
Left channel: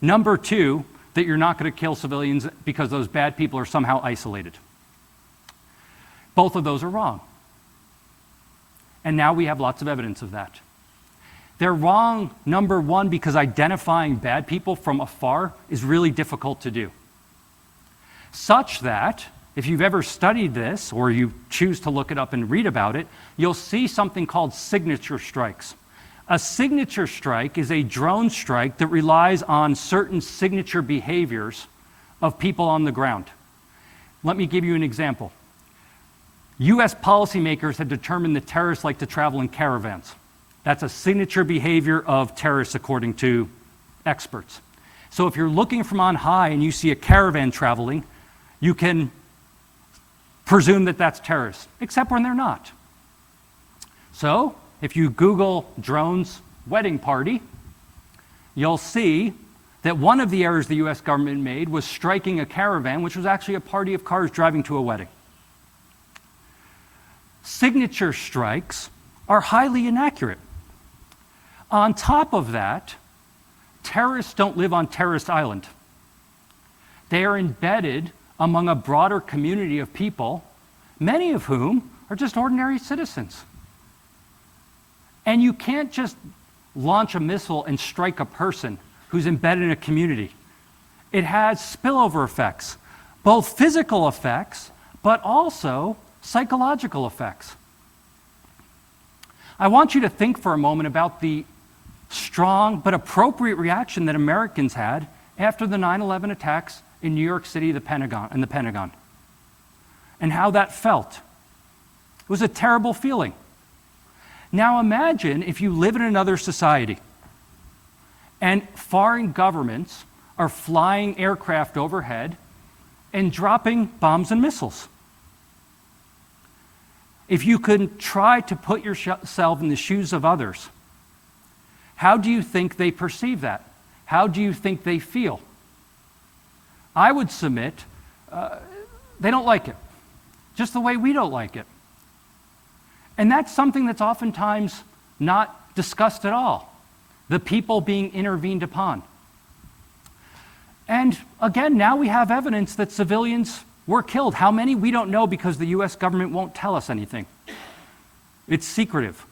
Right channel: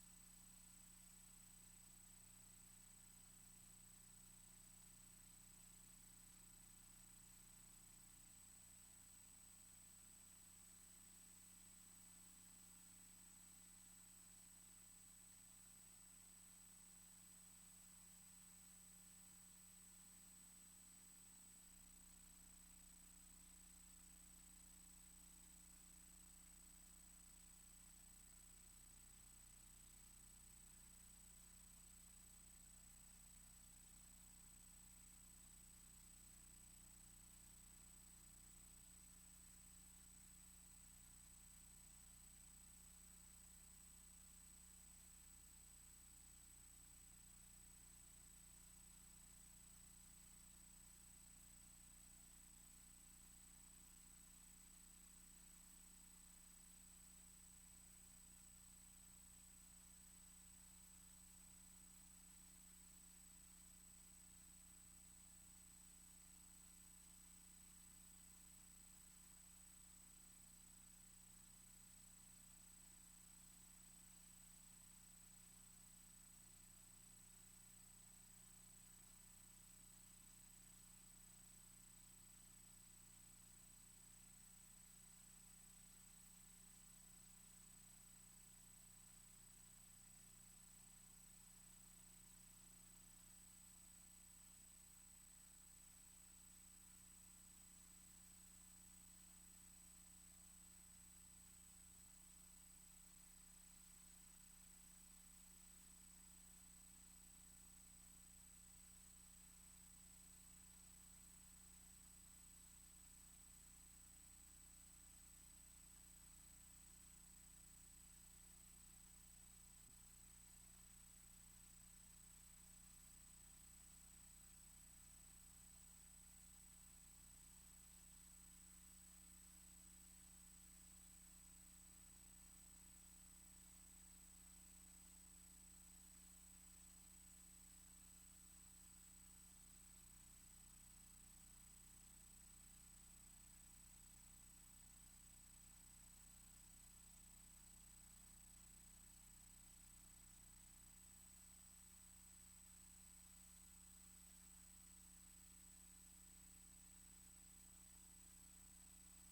Number two, that you're not going to kill civilians because those bad people are somehow isolated. Both of those are wrong. And now we have lots of evidence of that. They're wrong, number one, because identifying bad people from afar is really difficult to do. Such that, if you've ever studied this, or you choose to look it up and read about it, you'll see something called signature strikes. A signature strike is a drone strike that relies on certain signature behaviors of people on the ground. Let me give you an example. US policymakers had determined that terrorists like to travel in caravans. That's a signature behavior of terrorists, according to experts. So if you're looking from on high and you see a caravan traveling, you can presume that that's terrorists, except when they're not. So if you Google drones wedding party, you'll see that one of the errors the US government made was striking a caravan, which was actually a party of cars driving to a wedding. Signature strikes are highly inaccurate. On top of that, terrorists don't live on terrorist island. They are embedded among a broader community of people, many of whom are just ordinary citizens. And you can't just launch a missile and strike a person who's embedded in a community. It has spillover effects, both physical effects, but also psychological effects. I want you to think for a moment about the strong but appropriate reaction that Americans had after the 9/11 attacks in New York City, the Pentagon, and how that felt. It was a terrible feeling. Now imagine if you live in another society and foreign governments are flying aircraft overhead and dropping bombs and missiles. If you could try to put yourself in the shoes of others, how do you think they perceive that? How do you think they feel? I would submit they don't like it, just the way we don't like it. And that's something that's oftentimes not discussed at all, the people being intervened upon. And again, now we have evidence that civilians were killed. How many? We don't know because the US government won't tell us anything. It's secretive.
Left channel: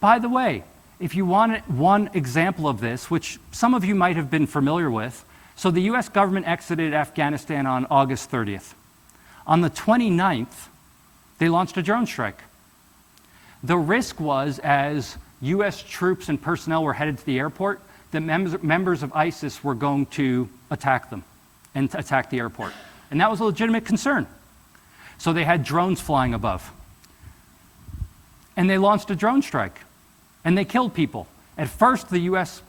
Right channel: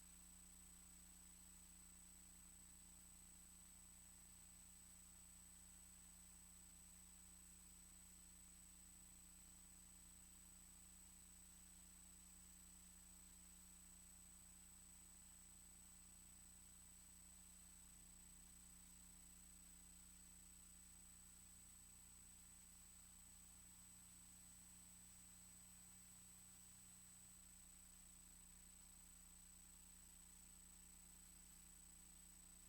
By the way, if you want one example of this, which some of you might have been familiar with, so the US government exited Afghanistan on August 30th. On the 29th, they launched a drone strike. The risk was, as US troops and personnel were headed to the airport, that members of ISIS were going to attack them and attack the airport. And that was a legitimate concern. So they had drones flying above. And they launched a drone strike. And they killed people. At first, the US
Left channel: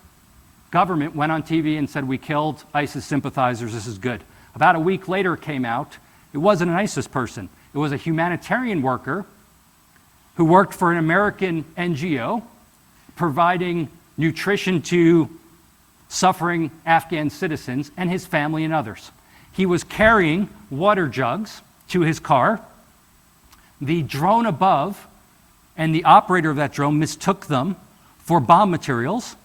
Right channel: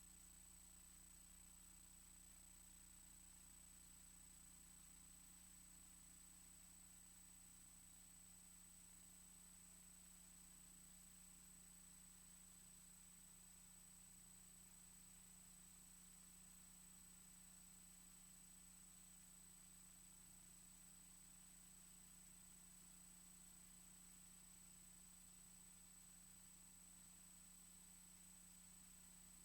government went on TV and said, we killed ISIS sympathizers, this is good. About a week later it came out, it wasn't an ISIS person. It was a humanitarian worker who worked for an American NGO providing nutrition to suffering Afghan citizens and his family and others. He was carrying water jugs to his car. The drone above and the operator of that drone mistook them for bomb materials.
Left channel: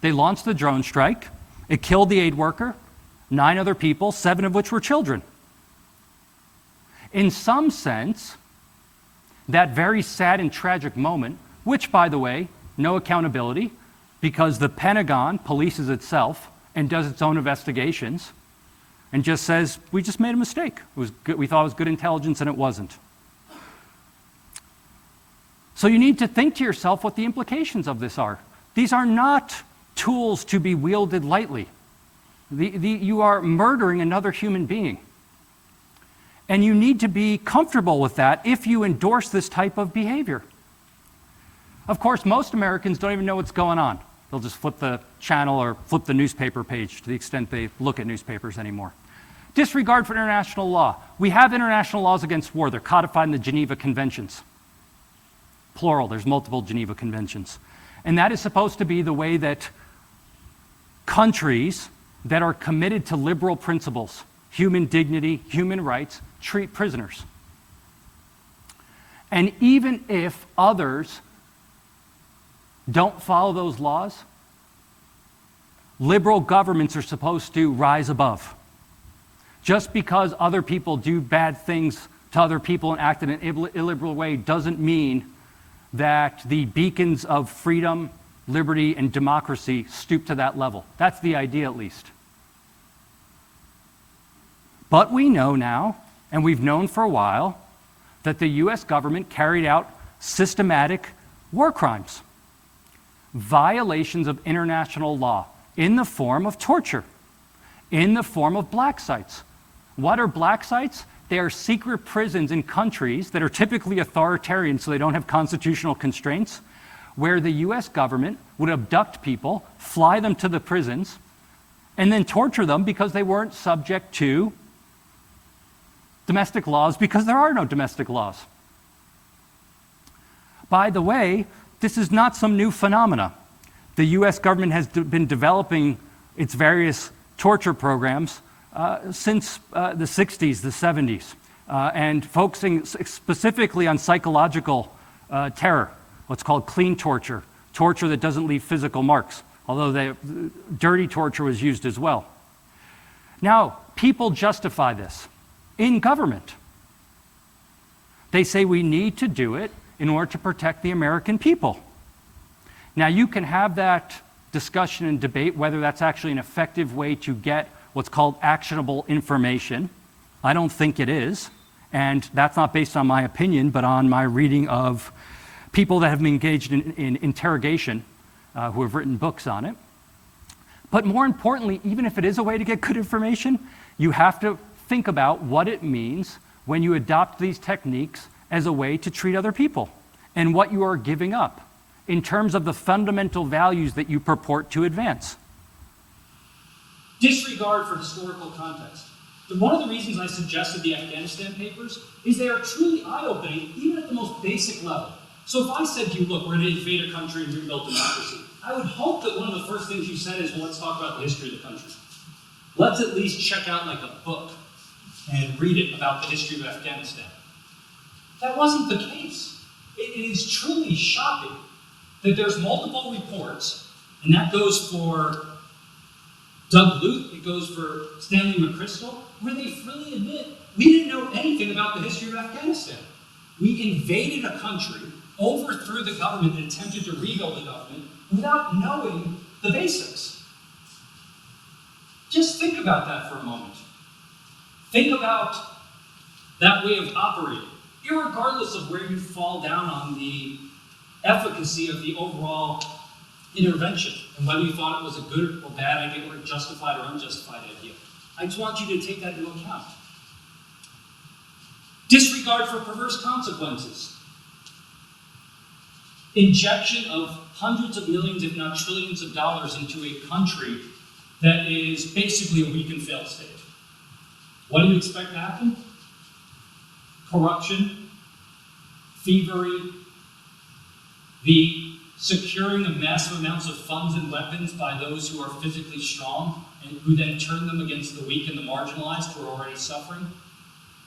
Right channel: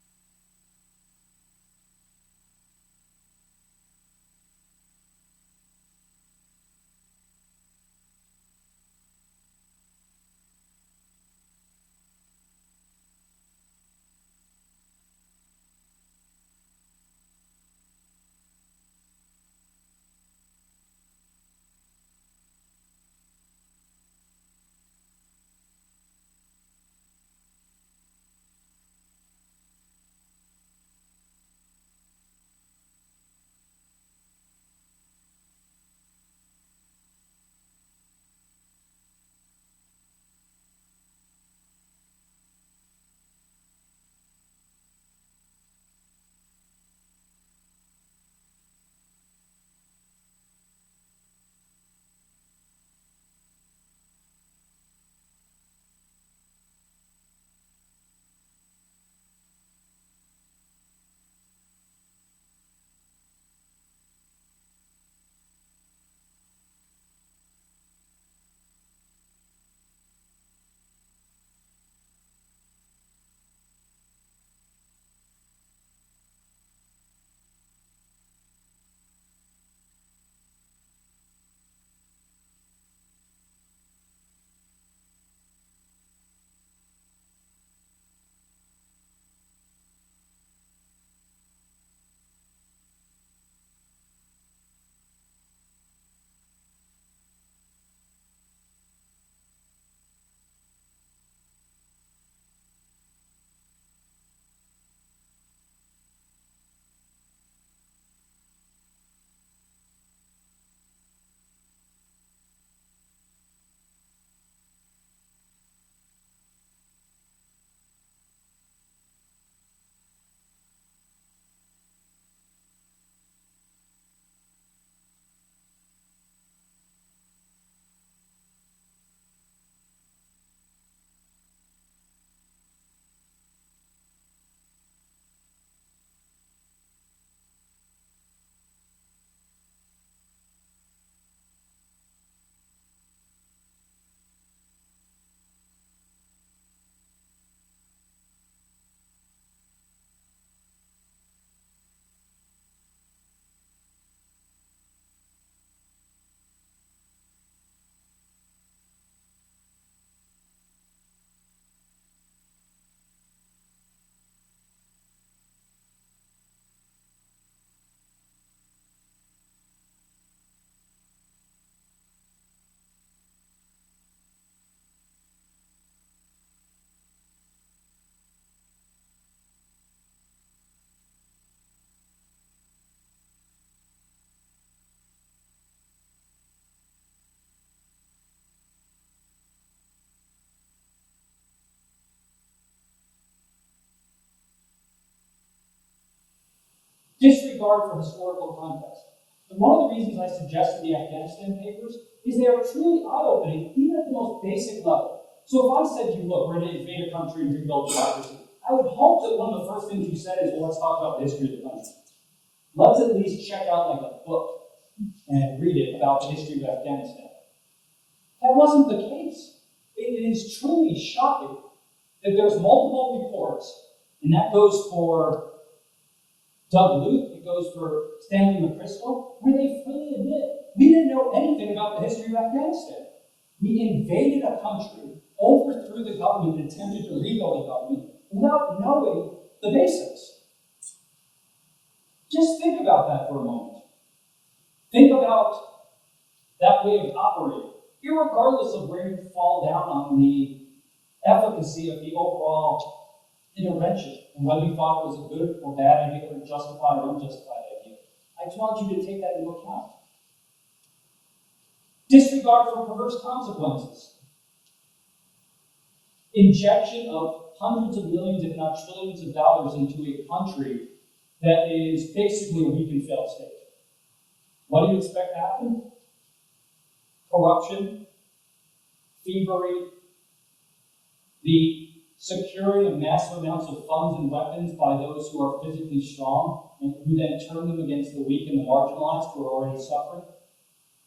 They launched the drone strike. It killed the aid worker, 9 other people, 7 of which were children. In some sense, that very sad and tragic moment, which, by the way, no accountability, because the Pentagon polices itself and does its own investigations and just says, we just made a mistake. It was good, we thought it was good intelligence, and it wasn't. So you need to think to yourself what the implications of this are. These are not tools to be wielded lightly. You are murdering another human being. And you need to be comfortable with that if you endorse this type of behavior. Of course, most Americans don't even know what's going on. They'll just flip the channel or flip the newspaper page to the extent they look at newspapers anymore. Disregard for international law. We have international laws against war. They're codified in the Geneva Conventions. Plural, there's multiple Geneva Conventions. And that is supposed to be the way that countries that are committed to liberal principles, human dignity, human rights, treat prisoners. And even if others don't follow those laws, liberal governments are supposed to rise above. Just because other people do bad things to other people and act in an illiberal way doesn't mean that the beacons of freedom, liberty, and democracy stoop to that level. That's the idea, at least. But we know now, and we've known for a while, that the US government carried out systematic war crimes, violations of international law in the form of torture, in the form of black sites. What are black sites? They are secret prisons in countries that are typically authoritarian, so they don't have constitutional constraints, where the US government would abduct people, fly them to the prisons, and then torture them because they weren't subject to domestic laws, because there are no domestic laws. By the way, this is not some new phenomena. The US government has been developing its various torture programs since the 60s, the 70s, and focusing specifically on psychological terror, what's called clean torture, torture that doesn't leave physical marks, although dirty torture was used as well. Now, people justify this in government. They say we need to do it in order to protect the American people. Now, you can have that discussion and debate whether that's actually an effective way to get what's called actionable information. I don't think it is, and that's not based on my opinion, but on my reading of people that have been engaged in interrogation, who have written books on it. But more importantly, even if it is a way to get good information, you have to think about what it means when you adopt these techniques as a way to treat other people and what you are giving up in terms of the fundamental values that you purport to advance. Disregard for historical context. One of the reasons I suggested the Afghanistan Papers is they are truly eye-opening, even at the most basic level. So if I said to you, look, we're going to invade a country and rebuild democracy, I would hope that one of the first things you said is, well, let's talk about the history of the country. Let's at least check out like a book and read it about the history of Afghanistan. That wasn't the case. It is truly shocking that there's multiple reports, and that goes for Doug Luth, it goes for Stanley McChrystal, where they freely admit we didn't know anything about the history of Afghanistan. We invaded a country, overthrew the government, and attempted to rebuild the government without knowing the basics. Just think about that for a moment. Think about that way of operating, irregardless of where you fall down on the efficacy of the overall intervention and whether you thought it was a good or bad idea or justified or unjustified idea. I just want you to take that into account. Disregard for perverse consequences. Injection of hundreds of millions, if not trillions of dollars into a country that is basically a weak and failed state. What do you expect to happen? Corruption, thievery, the securing of massive amounts of funds and weapons by those who are physically strong and who then turn them against the weak and the marginalized who are already suffering.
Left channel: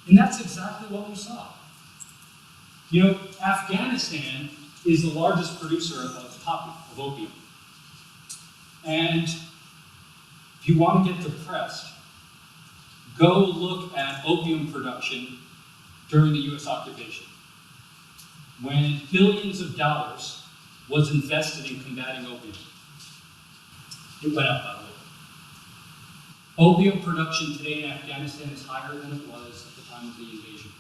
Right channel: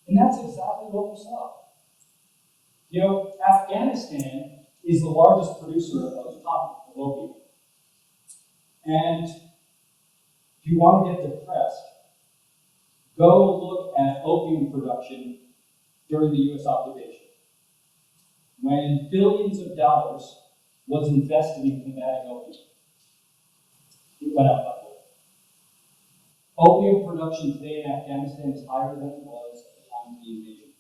And that's exactly what we saw. You know, Afghanistan is the largest producer of poppy, of opium. And if you want to get depressed, go look at opium production during the US occupation, when billions of dollars was invested in combating opium. It went up, by the way. Opium production today in Afghanistan is higher than it was at the time of the invasion.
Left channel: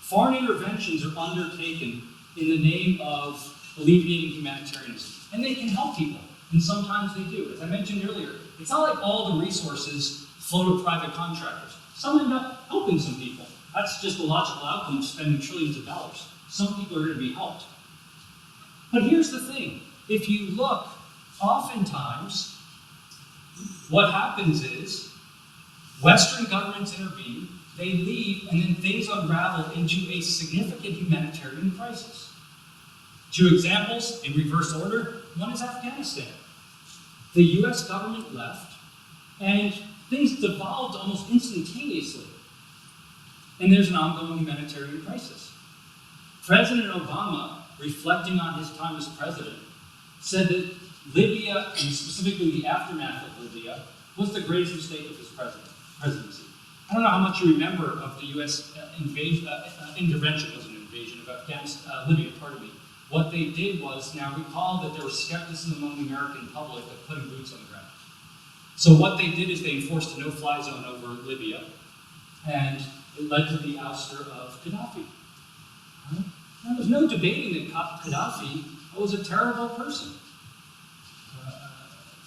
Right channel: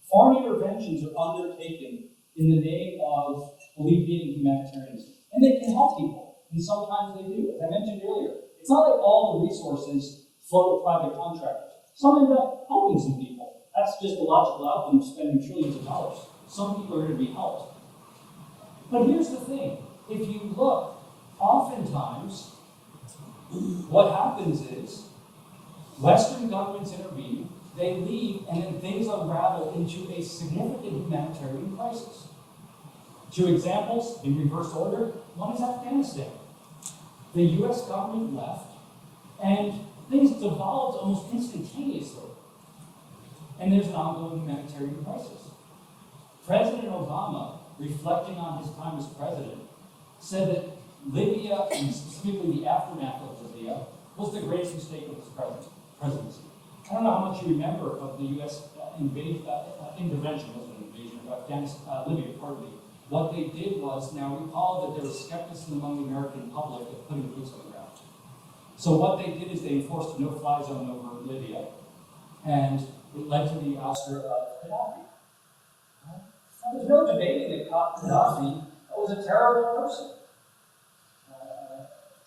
Foreign interventions are undertaken in the name of alleviating humanitarianism. And they can help people, and sometimes they do. As I mentioned earlier, it's not like all the resources flow to private contractors. Some end up helping some people. That's just a logical outcome of spending trillions of dollars. Some people are going to be helped. But here's the thing. If you look, oftentimes, what happens is Western governments intervene, they leave, and then things unravel into a significant humanitarian crisis. Two examples in reverse order. One is Afghanistan. The US government left, and things devolved almost instantaneously. And there's an ongoing humanitarian crisis. President Obama, reflecting on his time as president, said that Libya, and specifically the aftermath of Libya, was the greatest mistake of his presidency. I don't know how much you remember of the US intervention, it wasn't an invasion, of Libya, pardon me. What they did was, now recall that there was skepticism among the American public of putting boots on the ground. So what they did is they enforced a no-fly zone over Libya, and it led to the ouster of Gaddafi. And there's no debating that Gaddafi was a terrible person,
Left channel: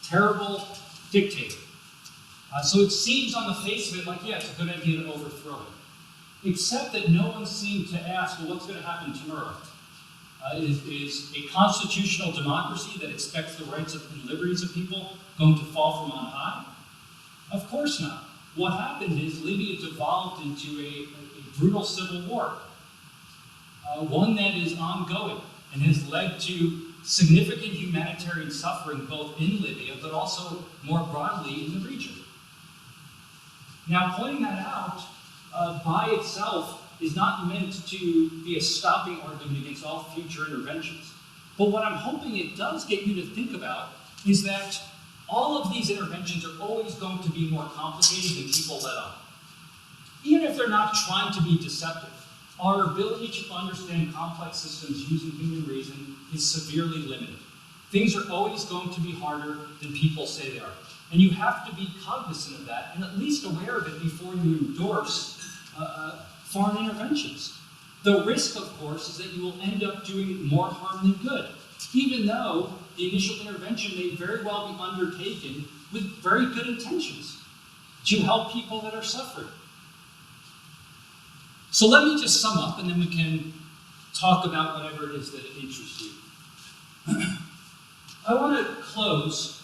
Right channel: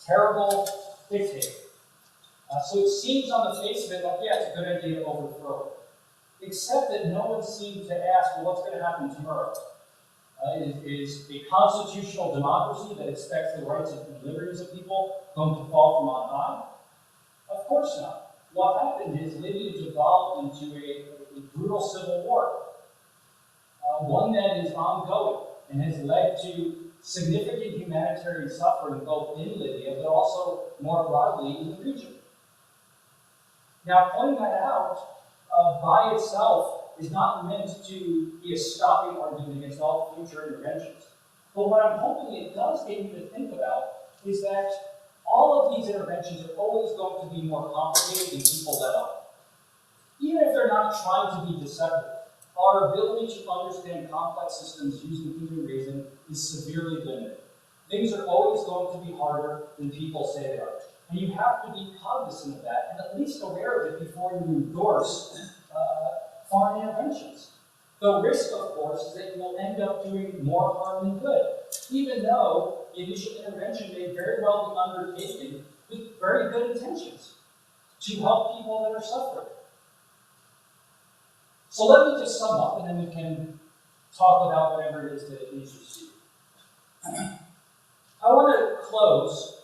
terrible dictator. So it seems on the face of it like, yeah, it's a good idea to overthrow it. Except that no one seemed to ask, well, what's going to happen tomorrow? Is a constitutional democracy that expects the rights and liberties of people going to fall from on high? Of course not. What happened is Libya devolved into a brutal civil war, one that is ongoing and has led to significant humanitarian suffering both in Libya, but also more broadly in the region. Now, pointing that out by itself is not meant to be a stopping argument against all future interventions. But what I'm hoping it does get you to think about is that all of these interventions are always going to be more complicated than people let on. Even if they're not trying to be deceptive, our ability to understand complex systems using human reason is severely limited. Things are always going to be harder than people say they are. And you have to be cognizant of that and at least aware of it before you endorse foreign interventions. The risk, of course, is that you will end up doing more harm than good, even though the initial intervention may very well be undertaken with very good intentions to help people that are suffering. So let me just sum up, and then we can talk about whatever it is that interests you. I want to close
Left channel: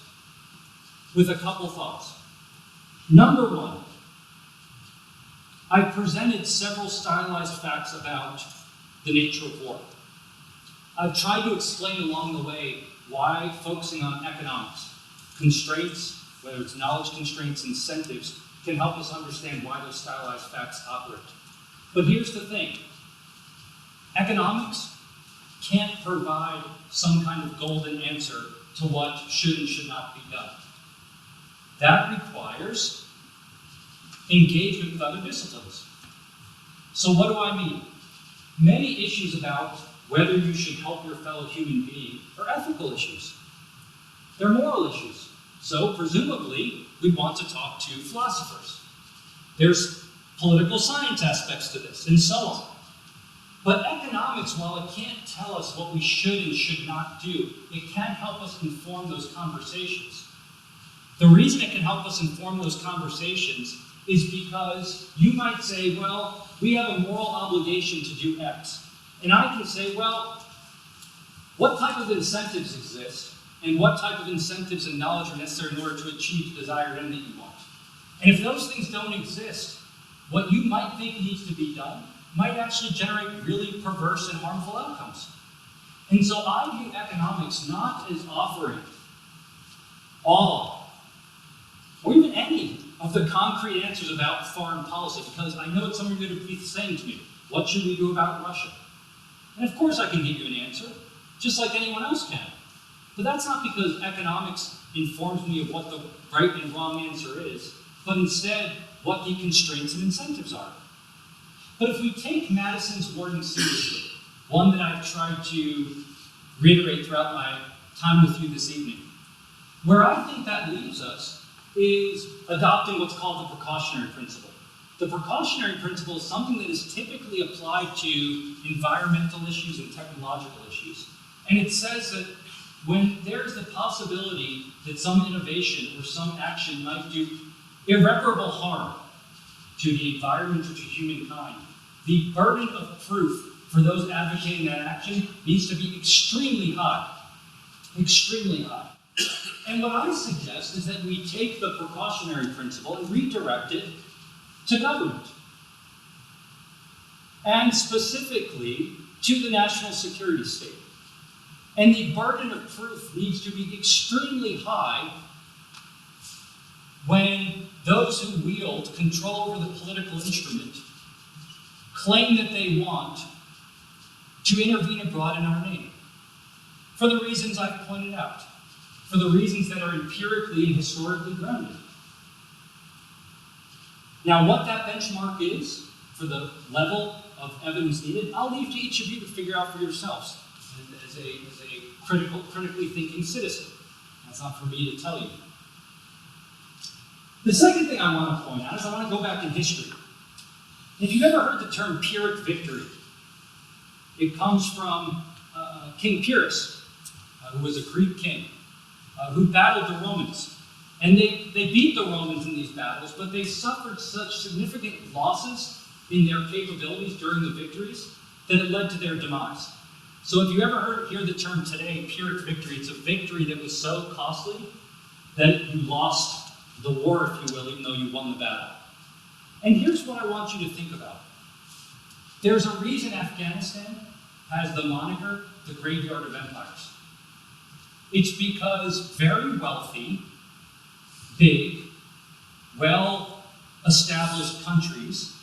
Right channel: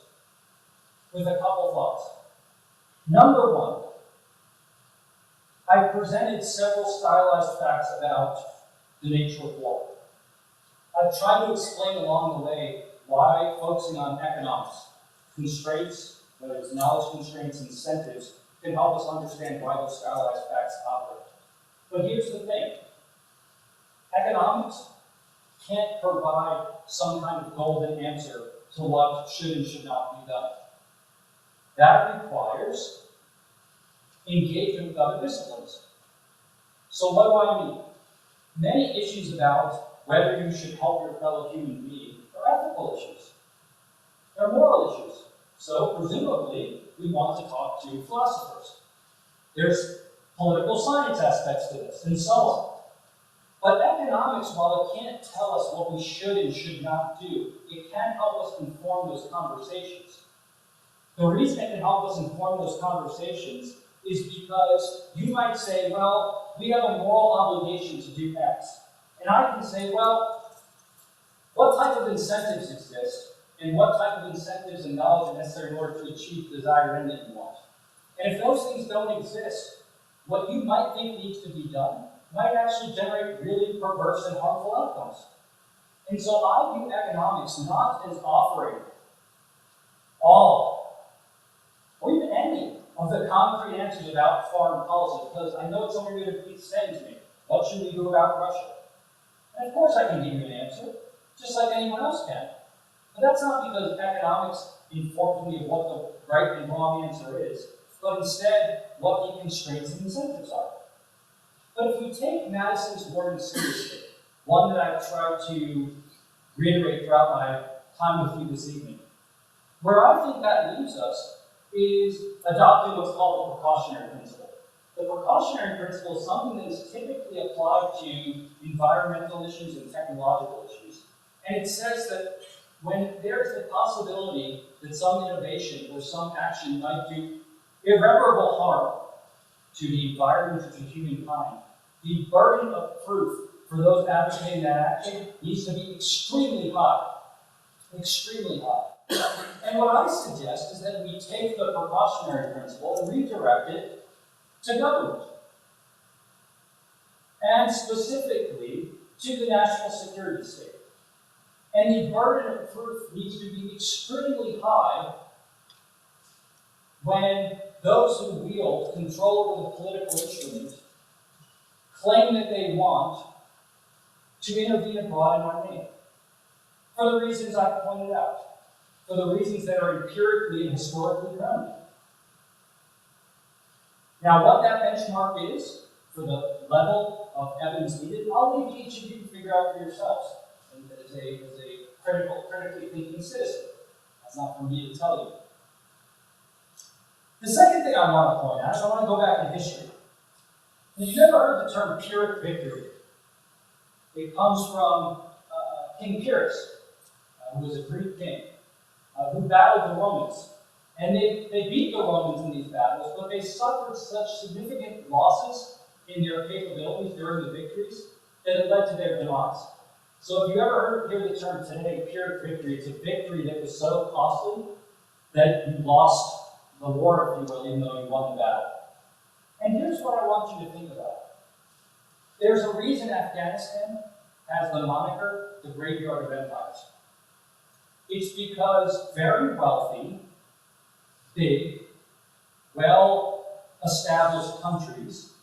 with a couple thoughts. Number one, I've presented several stylized facts about the nature of war. I've tried to explain along the way why focusing on economics, constraints, whether it's knowledge constraints, incentives, can help us understand why those stylized facts operate. But here's the thing. Economics can't provide some kind of golden answer to what should and should not be done. That requires engagement with other disciplines. So what do I mean? Many issues about whether you should help your fellow human being are ethical issues. They're moral issues. So presumably, we want to talk to philosophers. There's political science aspects to this, and so on. But economics, while it can't tell us what we should and should not do, it can help us inform those conversations. The reason it can help us inform those conversations is because you might say, well, we have a moral obligation to do X. And I can say, well, what type of incentives exist, and what type of incentives and knowledge are necessary in order to achieve the desired end that you want? And if those things don't exist, what you might think needs to be done might actually generate really perverse and harmful outcomes. And so I view economics not as offering all, or even any, of the concrete answers about foreign policy, because I know what some of you are going to be saying to me. What should we do about Russia? And of course I can give you an answer, just like anyone else can. But that's not because economics informs me of what the right and wrong answer is, but instead what the constraints and incentives are. But if we take Madison's warning seriously, one that I've tried to reiterate throughout my time with you this evening, where I think that leaves us is adopting what's called the precautionary principle. The precautionary principle is something that is typically applied to environmental issues and technological issues. And it says that when there is the possibility that some innovation or some action might do irreparable harm to the environment or to humankind, the burden of proof for those advocating that action needs to be extremely high. Extremely high. And what I suggest is that we take the precautionary principle and redirect it to government. And specifically to the national security state. And the burden of proof needs to be extremely high when those who wield control over the political instrument claim that they want to intervene abroad in our name. For the reasons I've pointed out. For the reasons that are empirically and historically grounded. Now, what that benchmark is for the level of evidence needed, I'll leave to each of you to figure out for yourselves as a critically thinking citizen. That's not for me to tell you. The second thing I want to point out is I want to go back in history. If you've ever heard the term Pyrrhic victory, it comes from King Pyrrhus, who was a Greek king, who battled the Romans. And they beat the Romans in these battles, but they suffered such significant losses in their capabilities during the victories that it led to their demise. So if you ever hear the term today, Pyrrhic victory, it's a victory that was so costly that you lost the war, if you will, even though you won the battle. And here's what I want you to think about. There's a reason Afghanistan has the moniker, the graveyard of empires. It's because very wealthy, big, well-established countries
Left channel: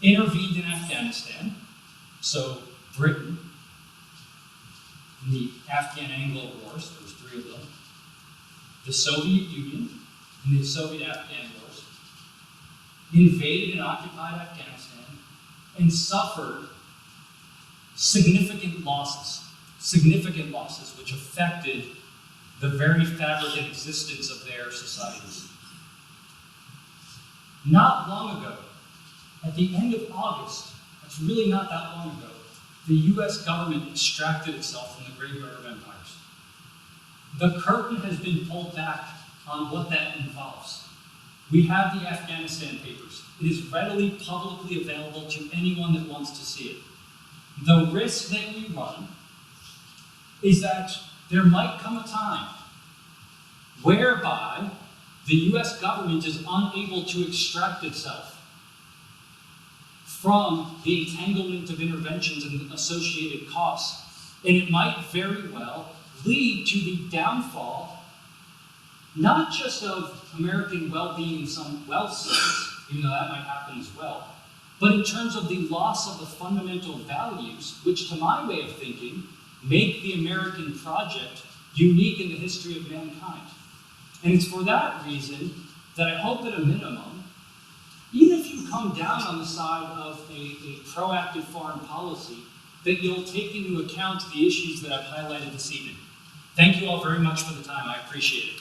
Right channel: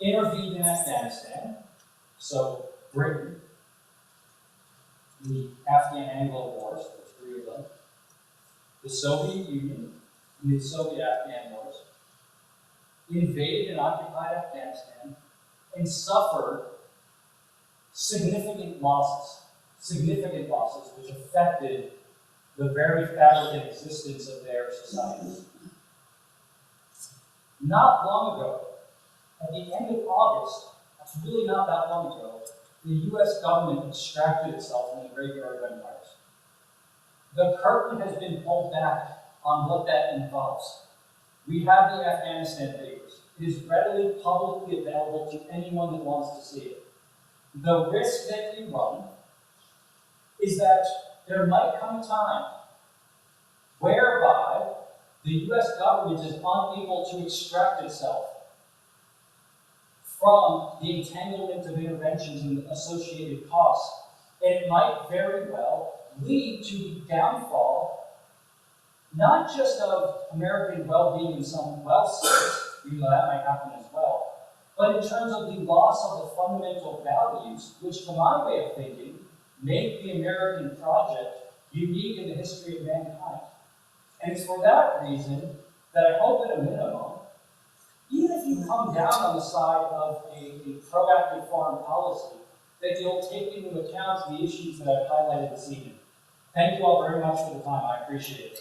intervened in Afghanistan, so Britain, in the Afghan-Anglo Wars, there was 3 of them, the Soviet Union, in the Soviet-Afghan Wars, invaded and occupied Afghanistan, and suffered significant losses which affected the very fabric and existence of their societies. Not long ago, at the end of August, that's really not that long ago, the US government extracted itself from the graveyard of empires. The curtain has been pulled back on what that involves. We have the Afghanistan Papers. It is readily publicly available to anyone that wants to see it. The risk that we run is that there might come a time whereby the US government is unable to extract itself from the entanglement of interventions and associated costs. And it might very well lead to the downfall, not just of American well-being in some wealth sense, even though that might happen as well, but in terms of the loss of the fundamental values, which to my way of thinking, make the American project unique in the history of mankind. And it's for that reason that I hope at a minimum, even if you come down on the side of a proactive foreign policy, that you'll take into account the issues that I've highlighted this evening. Thank you all very much for the time. I appreciate it.